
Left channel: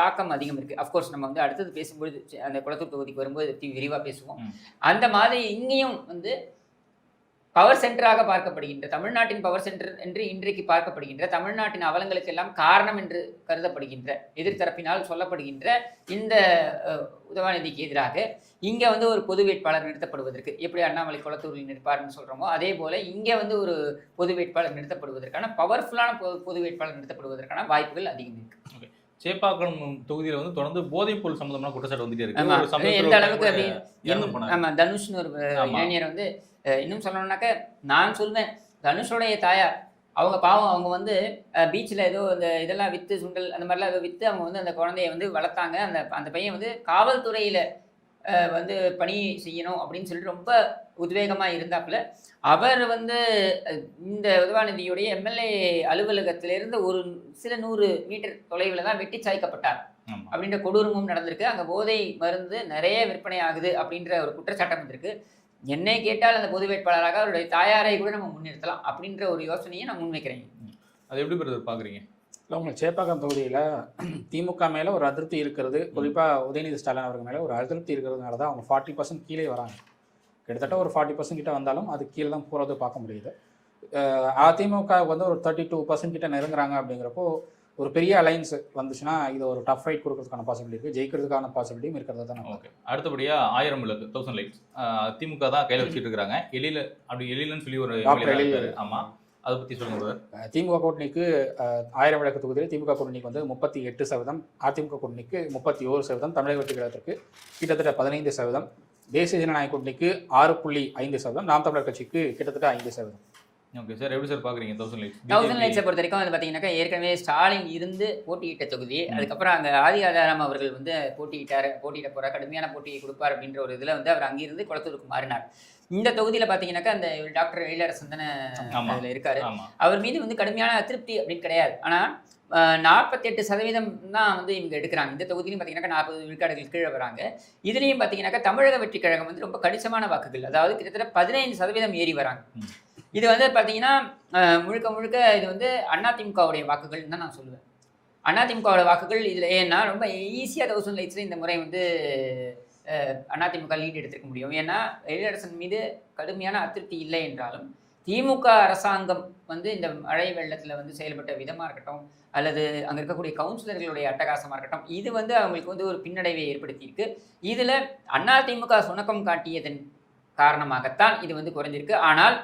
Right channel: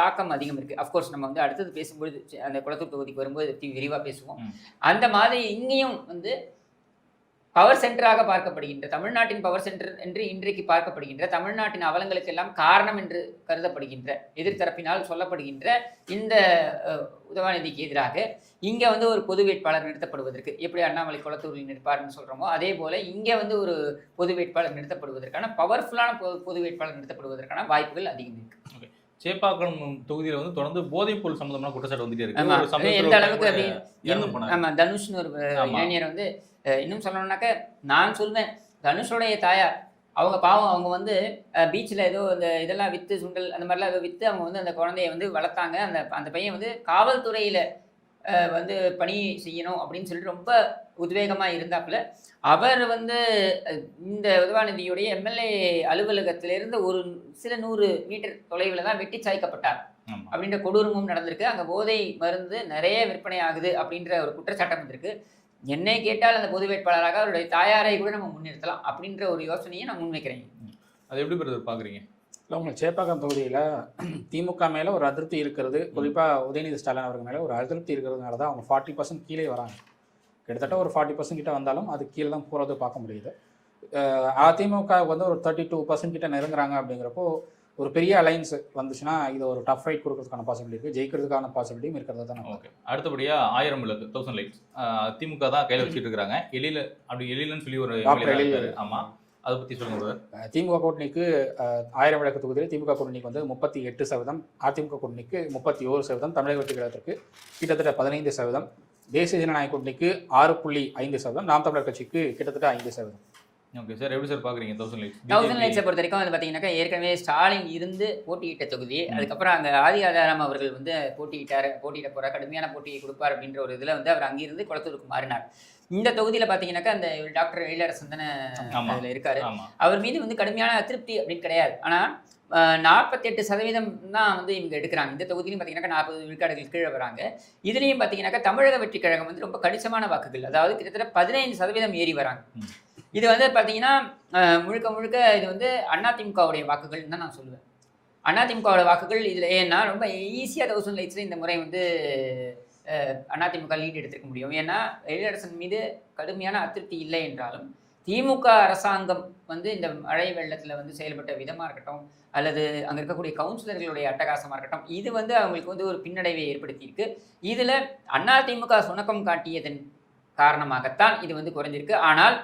தாக்கம் அதிகம் இருக்குது. அஃப்கோர்ஸ் நம்ம வந்து அடுத்தது பேசும்பொழுது அந்த குளத்தூர் தொகுதிக்கு வரும்போது விரிவாக பேசுவோம். அந்த மாதிரி இன்னும் வந்து பவர் சென்டராக பார்க்கப்படுகின்ற, தமிழ்நாட்டின் பவர் சென்டர் என்று இன்றைக்கு பார்க்கப்படுகின்ற, தமிழ்நாட்டின் அவலங்களுக்கெல்லாம் காரணம் என்று கருதப்படுகின்ற, எதிர்த்தரப்பினால் சொல்லப்படுகின்ற இந்த உதவாநிதிக்கு எதிராக இங்கே வந்து ஒரு பொது வேட்பாளர் நிறுத்தப்படுவதற்கு, எப்படி அண்ணாமலை கொளத்தூரில் நிற்பார்னு சொல்கிறோமோ அதே போல் இங்கே வந்து ஒரு பொது வேட்பாளர் நிறுத்தப்படுவதற்கான பொது வேட்பாளர் நிறுத்தப்படுவதற்கான வாய்ப்புகள் அதிகம் இருக்கு. சேப்பாக்கம் தொகுதியில் வந்து தொடர்ந்து போதைப்பொருள் சம்பந்தமான குற்றச்சாட்டு வந்துட்டே இருக்கு. ஆமாம், தனுஷ்னு ஒரு இளைஞர் வந்து இன்னும் சொல்லணும்னாக்க நான் சொல்வேன், தனுஷோடைய தாயார் அவங்க பாவம், அவங்க வந்து பீச்சில் ஏதோ இந்த இதெல்லாம் விற்று சுண்டல் அந்த மாதிரிலாம் ஏதோ விற்று அவங்க வந்து அந்த குழந்தைய வந்து வளர்த்தாங்க. அந்த பையன் வந்து காவல்துறையில் வந்து பணி செய்யணும் அப்படின்னு சொல்லிட்டு ரொம்ப உத்வேகமாக இருந்தாப்புல அவர் வந்து இந்த உதவாநிதியுடைய எம்எல்ஏ அலுவலகத்திலிருந்து ஒரு சில 100 மீட்டர் தொலைவில் தான் வெட்டி சாய்க்கப்பட்டார் அப்படின்ற கொடூரமும் நடந்திருக்கு. அங்கே போதை மருந்து நிறைய விற்பனை ஆகுது அப்படின்ற ஒரு குற்றச்சாட்டம் வந்திருக்கு. என்னை கேட்டால் அந்த பொது வேட்பாளராக அவருடைய தாயாரை கூட நம்ம முன்னிறுத்தலாம் அப்படின்ற ஒரு யோசனையை நான் முன்வைக்கிறேன். அது எப்படி பார்க்குறீங்க? இல்லை, உங்களுக்கு சேப்பாக்கம் தொகுதியில் திமுக மேலே ஒரு அதிருப்தி இருக்கிறது, குறிப்பாக உதயநிதி ஸ்டாலின் அவர்கள் மேலே ஒரு அதிருப்தி இருக்கிறதுனால தான் அவங்க 40% கீழே வராங்க. கிட்டத்தட்ட ஒரு 40% கிட்ட வந்தாலும் அது கீழே தான் போகிறது பார்க்க முடியுது. அதிமுக வந்து ஒரு 32% கிட்ட நெருங்குறாங்க. அப்படிங்கிறப்போ ஒரு பெரிய அலைன்ஸ் வந்துச்சுன்னா இது ஒரு டஃப் ஃபைட் கொடுக்கறதுக்கான பாசிபிலிட்டி, ஜெயிக்கிறதுக்கான பாசிபிலிட்டியும் இருக்கிறது தான். ஓகே, அடுத்தபடியாக 1000 விளக்கு 1000 லைட்ஸ் திமுக தான் கையில் வச்சுட்டு இருக்கிறாங்க. எழிலன்னு சொல்லி ஒரு ஆமாம், அதை பற்றி சொல்லுங்க. திமுக கூட்டணிக்கு 1000 விளக்கு தொகுதியில் திமுக கூட்டணிக்கு வந்து 38%, அதிமுக கூட்டணிக்கு 31%, தமிழக வெற்றிகழகத்திற்கு கிட்டத்தட்ட 15%, தேசிய ஜனநாயக கூட்டணிக்கு 6.5%, நாம் தமிழர் கட்சிக்கு கிட்டத்தட்ட 5%. ஓகே சார், எப்படி சார் பார்க்குறீங்க 1000 லைட்ஸை பொறுத்த வரைக்கும் வந்து பார்த்தீங்கன்னாக்கா ஏற்கனவே ஸ்டாலின் இருந்து போட்டியிட்ட தொகுதி, அதுக்கப்புறம் அங்கே ஆதி ஆதாரம் அவர்கள் வந்து போட்டியிட போகிறார், கடுமையான போட்டியை கொடுப்பார் அப்படின்ற ஒரு இதில் வந்து அவர் அங்கிருந்து குளத்தூருக்கு மாறினார். இந்த தொகுதியில் பார்த்தீங்கன்னாக்கா அந்த டாக்டர் வேலரசன் இருக்காரு, அவர் மீது வந்து கடுமையான திருப்தி அப்படின்னு கிடையாது. ஆனால் 48% தான் வந்து இவங்க எடுக்கிறாங்க. இந்த தொகுதியிலும் பார்த்தீங்கன்னாக்கா 40 விழுக்காடுகள் கீழே வராங்க. இதுலேயும் பார்த்தீங்கன்னாக்கா தமிழக வெற்றி கழகம் வந்து ரொம்ப கணிசமான வாக்குகள், அதாவது கிட்டத்தட்ட 15% ஏறி வராங்க. இது வந்து பார்த்தீங்கன்னா முழுக்க இது வந்து அதிமுகவுடைய வாக்குகள் தான் நான் சொல்லுவேன். அதிமுகவோட வாக்குகள் இதில் ஏன்னா ரொம்ப ஈஸியாக 1000 லைட்ஸில் இந்த முறை வந்து அதிமுக லீட் எடுத்துக்க முடியும். ஏன்னா எழிலரசன் மீது கடுமையான அதிருப்தி இல்லை என்றாலும் திமுக அரசாங்கம் வந்து இந்த மழை வெள்ளத்தில் வந்து செயல்பட்ட விதமாக இருக்கட்டும், அல்லது அங்கே இருக்கக்கூடிய கவுன்சிலர்களுடைய அட்டகாசமாக இருக்கட்டும், இது வந்து அவங்களுக்கு வந்து ஒரு பின்னடைவை ஏற்படுத்தியிருக்கு. இதில் அதிமுக சுணக்கம் காட்டியதன் காரணமாகத்தான் இது வந்து குறைஞ்சிருக்கு. ஆனால்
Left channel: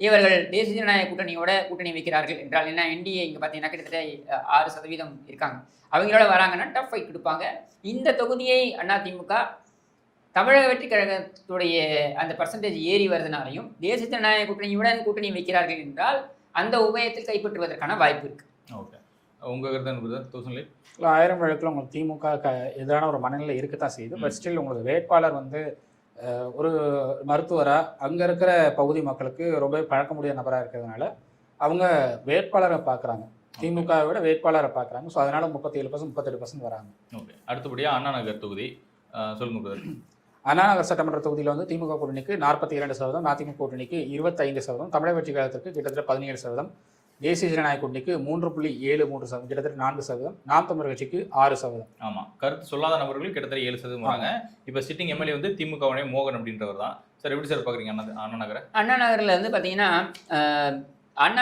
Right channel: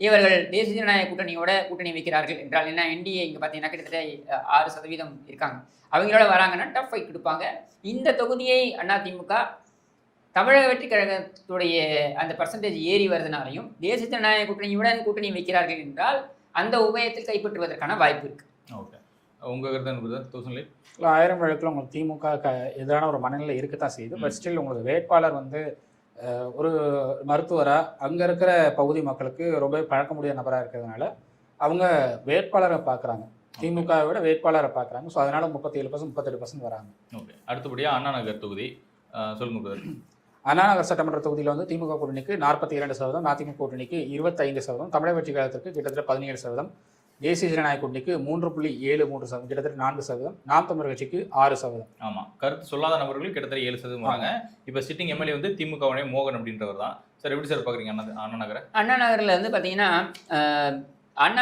இவர்கள் தேசிய ஜனநாயக கூட்டணி வைக்கிறார்கள் என்றால் என்ன, என்டிஏ இங்கே பார்த்தீங்கன்னா கிட்டத்தட்ட 6% இருக்காங்க, அவங்களோட வராங்கன்னா டஃப் ஃபைட் கொடுப்பாங்க. இந்த தொகுதியை அதிமுக தமிழக வெற்றி கழகத்துடைய அந்த பர்சன்டேஜ் ஏறி வருதுனாலையும் தேசிய ஜனநாயக கூட்டணி வைக்கிறார்கள் என்றால் அந்த உபயத்தில் கைப்பற்றுவதற்கான வாய்ப்பு இருக்கு. ஓகே, உங்க கருத்து 1000 விளக்கில் உங்களுக்கு திமுக எதிரான ஒரு மனநிலை இருக்கத்தான் செய்யுது. பட் ஸ்டில் உங்களுக்கு வேட்பாளர் வந்து ஒரு மருத்துவராக அங்கே இருக்கிற பகுதி மக்களுக்கு ரொம்ப பழக்க முடியாத நபராக இருக்கிறதுனால அவங்க வேட்பாளரை பார்க்குறாங்க, திமுகவை விட வேட்பாளரை பார்க்குறாங்க. ஸோ அதனால 37%, 38% வராங்க. ஓகே, அடுத்தபடியாக அண்ணா நகர் தொகுதி சொல்லுங்க. அண்ணா நகர் சட்டமன்ற தொகுதியில் வந்து திமுக கூட்டணிக்கு 42%, அதிமுக கூட்டணிக்கு 25%, தமிழக வெற்றி கழகத்திற்கு கிட்டத்தட்ட 17%, தேசிய ஜனநாயக கூட்டணிக்கு 3.73%, கிட்டத்தட்ட 4%, நாம் தமிழர் கட்சிக்கு 6%. ஆமாம், கருத்து சொல்லாத நபர்கள் கிட்டத்தட்ட 7% வராங்க. இப்போ சிட்டிங் எம்எல்ஏ வந்து திமுகவுடைய மோகன் அப்படின்றவர் தான். சார் எப்படி சார் பார்க்குறீங்க அண்ணா நகரை? அண்ணா நகரில் வந்து பார்த்தீங்கன்னா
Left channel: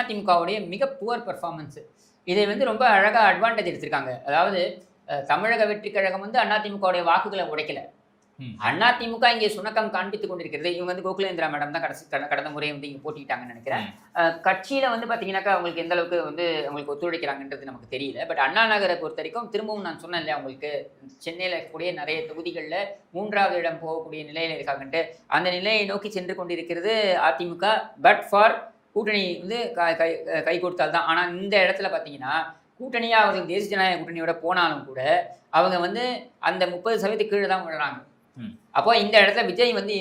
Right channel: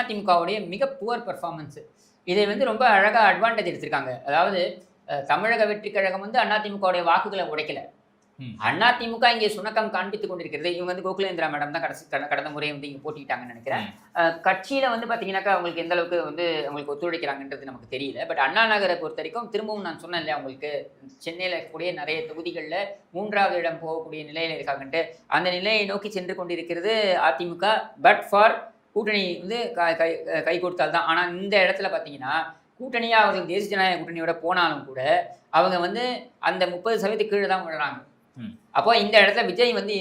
அதிமுகவுடைய மிக புவர் பர்ஃபார்மன்ஸ், இதில் வந்து ரொம்ப அழகாக அட்வான்டேஜ் எடுத்திருக்காங்க. அதாவது தமிழக வெற்றி கழகம் வந்து அதிமுகவுடைய வாக்குகளை உடைக்கல, அதிமுக இங்கே சுணக்கம் காண்பித்துக் கொண்டிருக்கிறது. இவங்க வந்து கோகுலேந்திரா மேடம் தான் கடந்த முறை வந்து இங்கே போட்டிட்டாங்கன்னு நினைக்கிறேன். கட்சியில் வந்து பார்த்தீங்கன்னாக்கா அவங்களுக்கு எந்த அளவுக்கு வந்து அவங்களுக்கு ஒத்துழைக்கிறாங்கன்றது நமக்கு தெரியல. பட் அண்ணா நகரை பொறுத்த வரைக்கும் திரும்பவும் நான் சொன்னேன் இல்லையா, அவங்களுக்கு சென்னையில் இருக்கக்கூடிய நிறைய தொகுதிகளில் 3 மூன்றாவது இடம் போகக்கூடிய நிலையில இருக்காங்க. அந்த நிலையை நோக்கி சென்று கொண்டிருக்கிறது அதிமுக. பட் ஃபார் கூட்டணி வந்து கை கொடுத்தால் தான். ஆனா இந்த இடத்துல பாத்தீங்கன்னா கூட்டணியா அவங்க தேசிய ஜனநாயக கூட்டணியோட போனாலும் கூட அவங்க வந்து அந்த 30% கீழே தான் விடுறாங்க. அப்போ இந்த இடத்துல விஜய் வந்து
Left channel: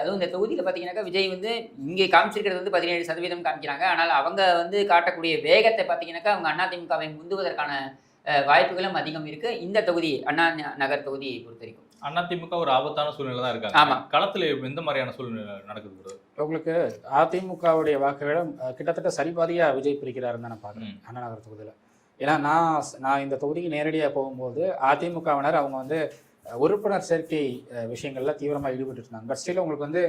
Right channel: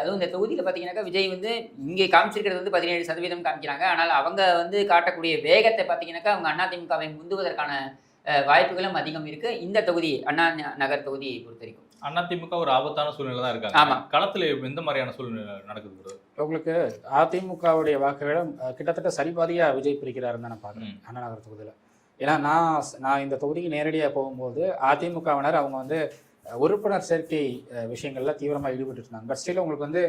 அதுவும் இந்த தொகுதியில் பார்த்தீங்கன்னாக்கா விஜய் வந்து இங்கே காமிச்சிருக்கிறது வந்து 17% காமிக்கிறாங்க. ஆனால் அவங்க வந்து காட்டக்கூடிய வேகத்தை பார்த்தீங்கன்னாக்கா அவங்க அதிமுகவை முந்துவதற்கான வாய்ப்புகளும் அதிகம் இருக்கு இந்த தொகுதி அண்ணா நகர் தொகுதியை பொறுத்த வரைக்கும். அதிமுக ஒரு ஆபத்தான சூழ்நிலை தான் இருக்காங்க. ஆமா, களத்துல எந்த மாதிரியான சூழ்நிலை நடக்குது? உங்களுக்கு அதிமுகவுடைய வாக்குகளை கிட்டத்தட்ட சரிபாதியா விஜய் பிரிக்கிறாருன்னு தான் நான் பார்க்குறேன் அண்ணா நகர் தொகுதியில். ஏன்னா நான் இந்த தொகுதிக்கு நேரடியாக போகும்போது அதிமுகவினர் அவங்க வந்து உறுப்பினர் சேர்க்கை விஷயங்கள்ல தீவிரமாக ஈடுபட்டு இருந்தாங்க. பட் ஸ்டில் உங்களுக்கு வந்து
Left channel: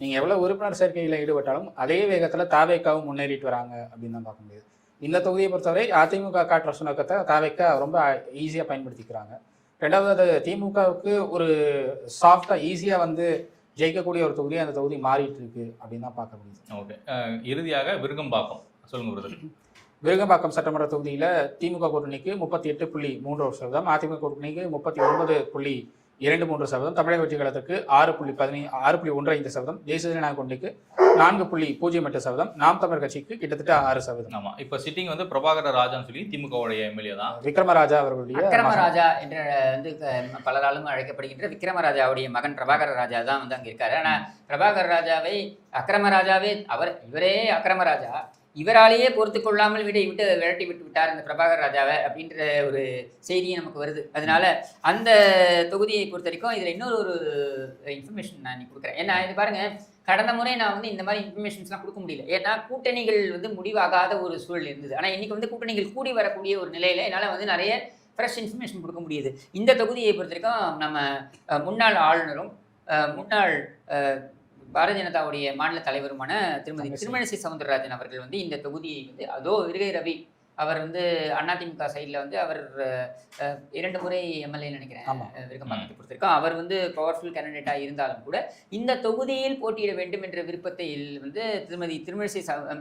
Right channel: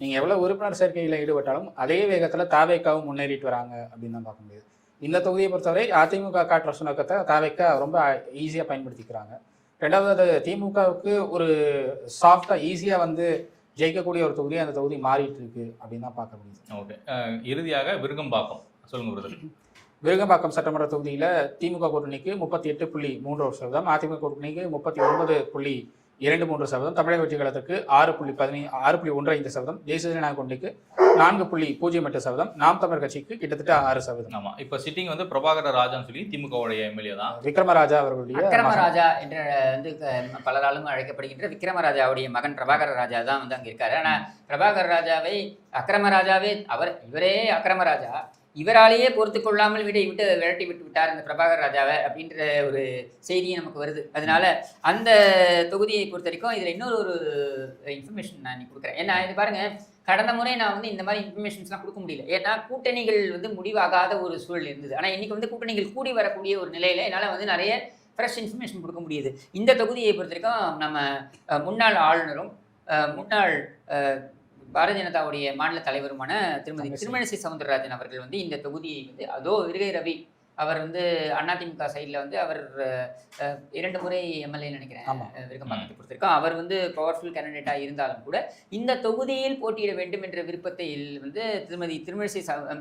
நீங்கள் எவ்வளோ உறுப்பினர் சேர்க்கையில் ஈடுபட்டாலும் அதே வேகத்தில் தாவேக்காவும் முன்னேறிட்டு வராங்க அப்படின்னு தான் பார்க்க முடியுது. இந்த தொகுதியை பொறுத்தவரை அதிமுக காட்டுற சுணக்கத்தை தாவேக்கா ரொம்ப ஈஸியாக பயன்படுத்திக்கிறாங்க. ரெண்டாவது திமுகவுக்கு ஒரு சாஃப்டாக ஈஸியாக வந்து ஜெயிக்கக்கூடிய ஒரு தொகுதி அந்த தொகுதி மாறிட்டு இருக்கு அப்படின்னு தான் பார்க்க முடியுது. ஓகே, இறுதியாக விருகம்பாக்கம் சொல்லுங்க. விருகம்பாக்கம் சட்டமன்ற தொகுதியில் திமுக கூட்டணிக்கு 38.3%, அதிமுக கூட்டணிக்கு 39.23%, தமிழக வெற்றி கழகத்துக்கு 6.15%, தேசிய ஜனநாயக கூட்டணிக்கு 4.08%, நாம் தமிழர் கட்சிக்கு கிட்டத்தட்ட 6%. ஆமா, இப்ப சிட்டிங் வந்து பிரபாகர ராஜான்னு சொல்லி திமுகவுடைய எம்எல்ஏ தான் விக்ரமராஜா அவர்களுடைய விக்ரமராஜா என்ற வந்து பலகாலம் அழைக்கப்படுகின்ற விக்ரமராஜாவுடைய மகன் பிரபாகர ராஜா தான் வந்து அங்க இருக்காரு. ஆனா பிரபாகர ராஜாவை அக்கிரமராஜாவே இவரே அக்கிரமராஜா இவராலேயே பொறுத்து கொள்ளாமல் விரட்டி விட்டார் இந்த பிரபாகர் ராஜாவை அப்படின்ற ஒரு செய்தியும் நமக்கு வருது. அதனால அந்த தொகுதியை பொறுத்த வரைக்கும் இதுல இன்னொரு ஒரு இன்ஃபர்மேஷன் நான் கொடுக்குறேன். ஏன்னா இது பாருங்க, கடந்த முறை நான் வந்து இந்த மாதிரி இன்ஃபர்மேஷன்ஸ்லாம் கொடுக்க முடியல. ஏன்னா கூட்டணிகள் வந்து முடிவாகாத ஒரு சூழல் இருந்தது. ஆனா இன்னைக்கு வந்து கூட்டணிகள் கூடி வரக்கூடிய ஒரு நிலையில என்னால வந்து நிறைய ஃப்ரெஷ் இன்ஃபர்மேஷன் கொடுக்க முடியுது. இந்த தொகுதியை பொறுத்த வரைக்கும் நம்ம முன்னாள் ஆளுநரும் முன்னாள் பாரதிய ஜனதாவுடைய மாநில தலைவருமான திருமதி திருமணிசை சவுந்தரராஜன் அவர்கள் வந்து இந்த தொகுதியை வந்து விருகை ரவி அவர் வந்து அதிமுக சைடில் வந்து அவர் 2 முறை எம்எல்ஏ நினைக்கிறேன் விருகம்பாக்கத்தை பொறுத்திருக்கோம். அவர் வந்து பவர்ஃபுல் கேண்டிடேட்டாக இருந்தாலும் கூட இந்த தொகுதியில் போட்டியிட வேண்டும் என்ற விருப்பத்தில் வந்து திருமதி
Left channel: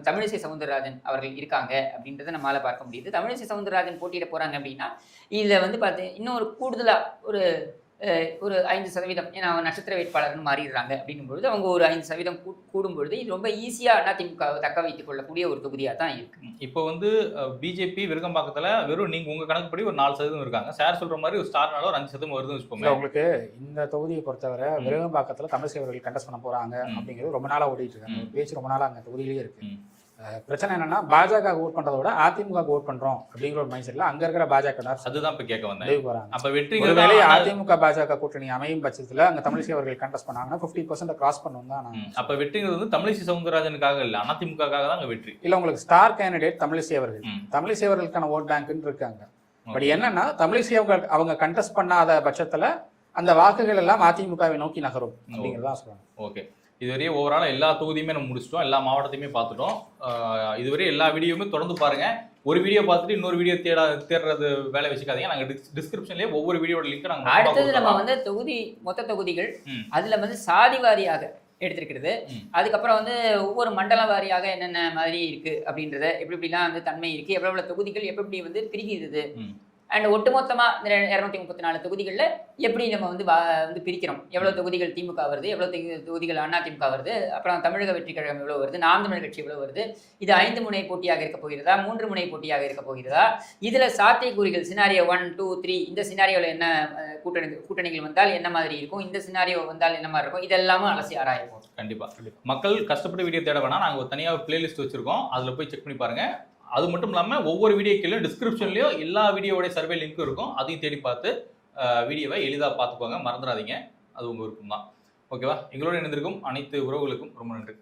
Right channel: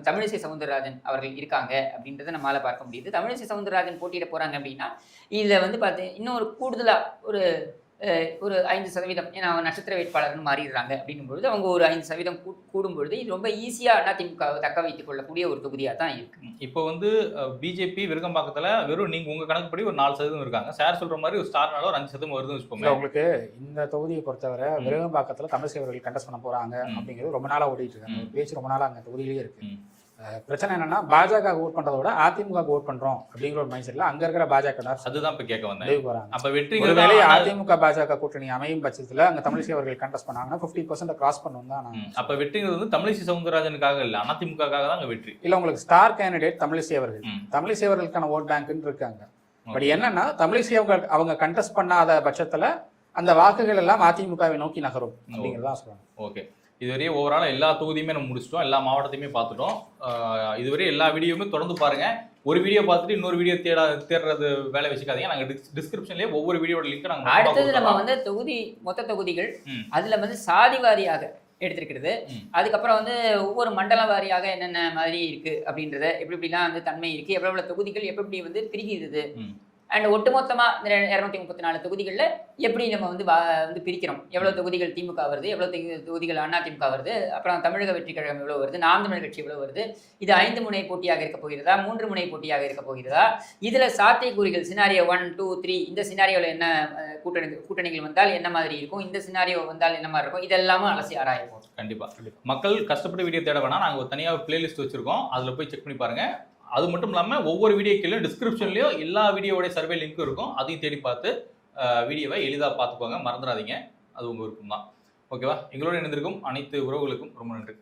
தமிழிசை சவுந்தரராஜன் அவர்கள் இருக்காங்க அப்படின்றத நம்மளால பார்க்க முடியுது. தமிழிசை சவுந்தரராஜன் போட்டியிட போறாங்க அப்படின்னா இதில் வந்து இன்னொரு கூடுதலாக ஒரு 5%, ஏன்னா அவங்க நட்சத்திர வேட்பாளர்னு மாறிடுறாங்க அப்படிங்கும்பொழுது அவங்க ஒரு 5% கூடும்பொழுது இது ரொம்ப ஈஸியாக அதிமுகவை தக்க வைத்துக் கொள்ளக்கூடிய ஒரு தொகுதியாக தான் இருக்கு. இப்போ வந்து பிஜேபி விருகம்பாக்கத்துல வெறும் நீங்க உங்க கணக்குப்படி ஒரு 4% இருக்காங்க. சார் சொல்ற மாதிரி ஒரு ஸ்டார்னால ஒரு 5% வருதுன்னு வச்சுக்கோங்க. உங்களுக்கு இந்த தொகுதியை பொறுத்தவரை விருகம்பாக்கத்துல தமிழிசை அவர்கள் கண்டஸ்ட் பண்ண போறாங்க அப்படிங்கிறது ரொம்ப நாளா ஓடிட்டு இருக்காங்க. பேச்சு ரொம்ப நாளா அந்த தொகுதியிலேயே இருக்கு. பிரச்சனை என்னன்னா பாஜக ஓட் பண்றதை விட அதிமுக ஓட் பண்றோம் அப்படிங்கிற ஒரு மைண்ட் செட்ல அங்க இருக்கிற பாஜக அதுதான் இப்ப கேட்க வந்தேன். அப்ப வெற்றி ஒருவேளை அதிமுக பாஜக கூட்டணி அமையும் பட்சத்துல அங்க தமிழிசை அவர்கள் கண்டஸ்ட் பண்ணாங்கன்னா 50% கிராஸ் பண்ணுவோம் தான். அப்ப வெற்றிங்கிறது வந்து தமிழிசை சவுந்தரராஜனுக்காக இல்ல, அதிமுகக்காக தான் வெற்றி. இல்ல, உங்களுக்கு ஸ்டார் கேண்டிடேட் தமிழிசை அவர்கள், தமிழிசை அவர்களுக்கான ஓட் பேங்க்னு இருக்காங்க. பட் என்னன்னா தமிழிசை அவங்க கண்டஸ்ட் பண்ணாத பட்சத்துல அந்த வாக்குகள் எல்லாம் அதிமுகவை நோக்கி நகரும் அப்படிங்கிறதா சொல்லுவாங்க. ஓகே, இதுவரை ஓவரால் எல்லா தொகுதியுமே நம்ம முடிச்சிட்டோம், எல்லா மாவட்டத்தையுமே பார்த்துட்டோம். இதுவரை எல்லா வீடியோவுமே தொடர்ந்து பாருங்க. ஒரு வீடியோ பார்த்துட்டு இன்னொரு வீடியோ தேடுறது வேலை வச்சுக்காதீங்க. நாங்க டிஸ்கிரிப்ஷன்லயே ஒவ்வொரு வீடியோட லிங்க் நாங்க அடுத்தது நம்ம வந்து மொத்த தொகுதிகள் அதுல வந்து சாதி வாரியாக எடுத்திருக்கிறது. அதுக்கப்புறம் வந்து ஒவ்வொரு மண்டல வாரியாக என்னென்ன மாதிரி இருக்கு அப்படின்றத எப்படிலாம் வந்து தன்மை இருக்கு, எவ்வளவு தொகுதிகள் எப்படி வந்து பிரிக்கிறது, அண்ட் ஒட்டுமொத்தமா இந்த 234 தொகுதிகளில் எப்படி நம்ம வந்து பிரிக்கிறோம், எவ்வளவு தொகுதிகள் திமுக வருது, எவ்வளவு தொகுதிகள் அதிமுக வருது, அப்புறம் தமிழக வெற்றி கழகம் எவ்வளவு வருது, நாம் தமிழ் கட்சி எவ்வளவு வருது, இது 5 முனை போட்டியாக இருக்க போகிறதா, 3 முனை போட்டியாக இருக்க போகிறதா, இதுல சாத்தியக்கூறுகள் சினாரியோ 1, 2, 3 இந்த சினாரியோல என்ன கூட்டணிகள் வந்தால் என்ன மாதிரி இருக்கும், இந்த சினாரியோ வந்தால் என்ன மாதிரி இருக்கும், இதெல்லாமும் அலசி ஆராயிருக்கும். கண்டிப்பா மக்கள் கஷ்டப்பட்டு வீடியோ தேட வேணா நாங்க தனியாக பிளேலிஸ்ட் வச்சிருக்கோம், அதுல போய் செக் பண்ணி பாருங்க. அது மட்டும் இல்லாமல் ஒவ்வொரு வீடியோக்கிலும் டிஸ்கிரிப்ஷன்லையும் எல்லா வீடியோடைய சர்வே லிங்க்கும் இருக்கும். அதையும் தேடி பார்த்து வீடியோவை எளிதாக பார்த்துக்கோங்க, மறந்துடாதீங்க. அது உங்க விருப்பம் தான். ஓகேவா? எங்களோட இணைந்திருக்கும் அனைத்து உறவுகளுக்கும் ரொம்ப நன்றி.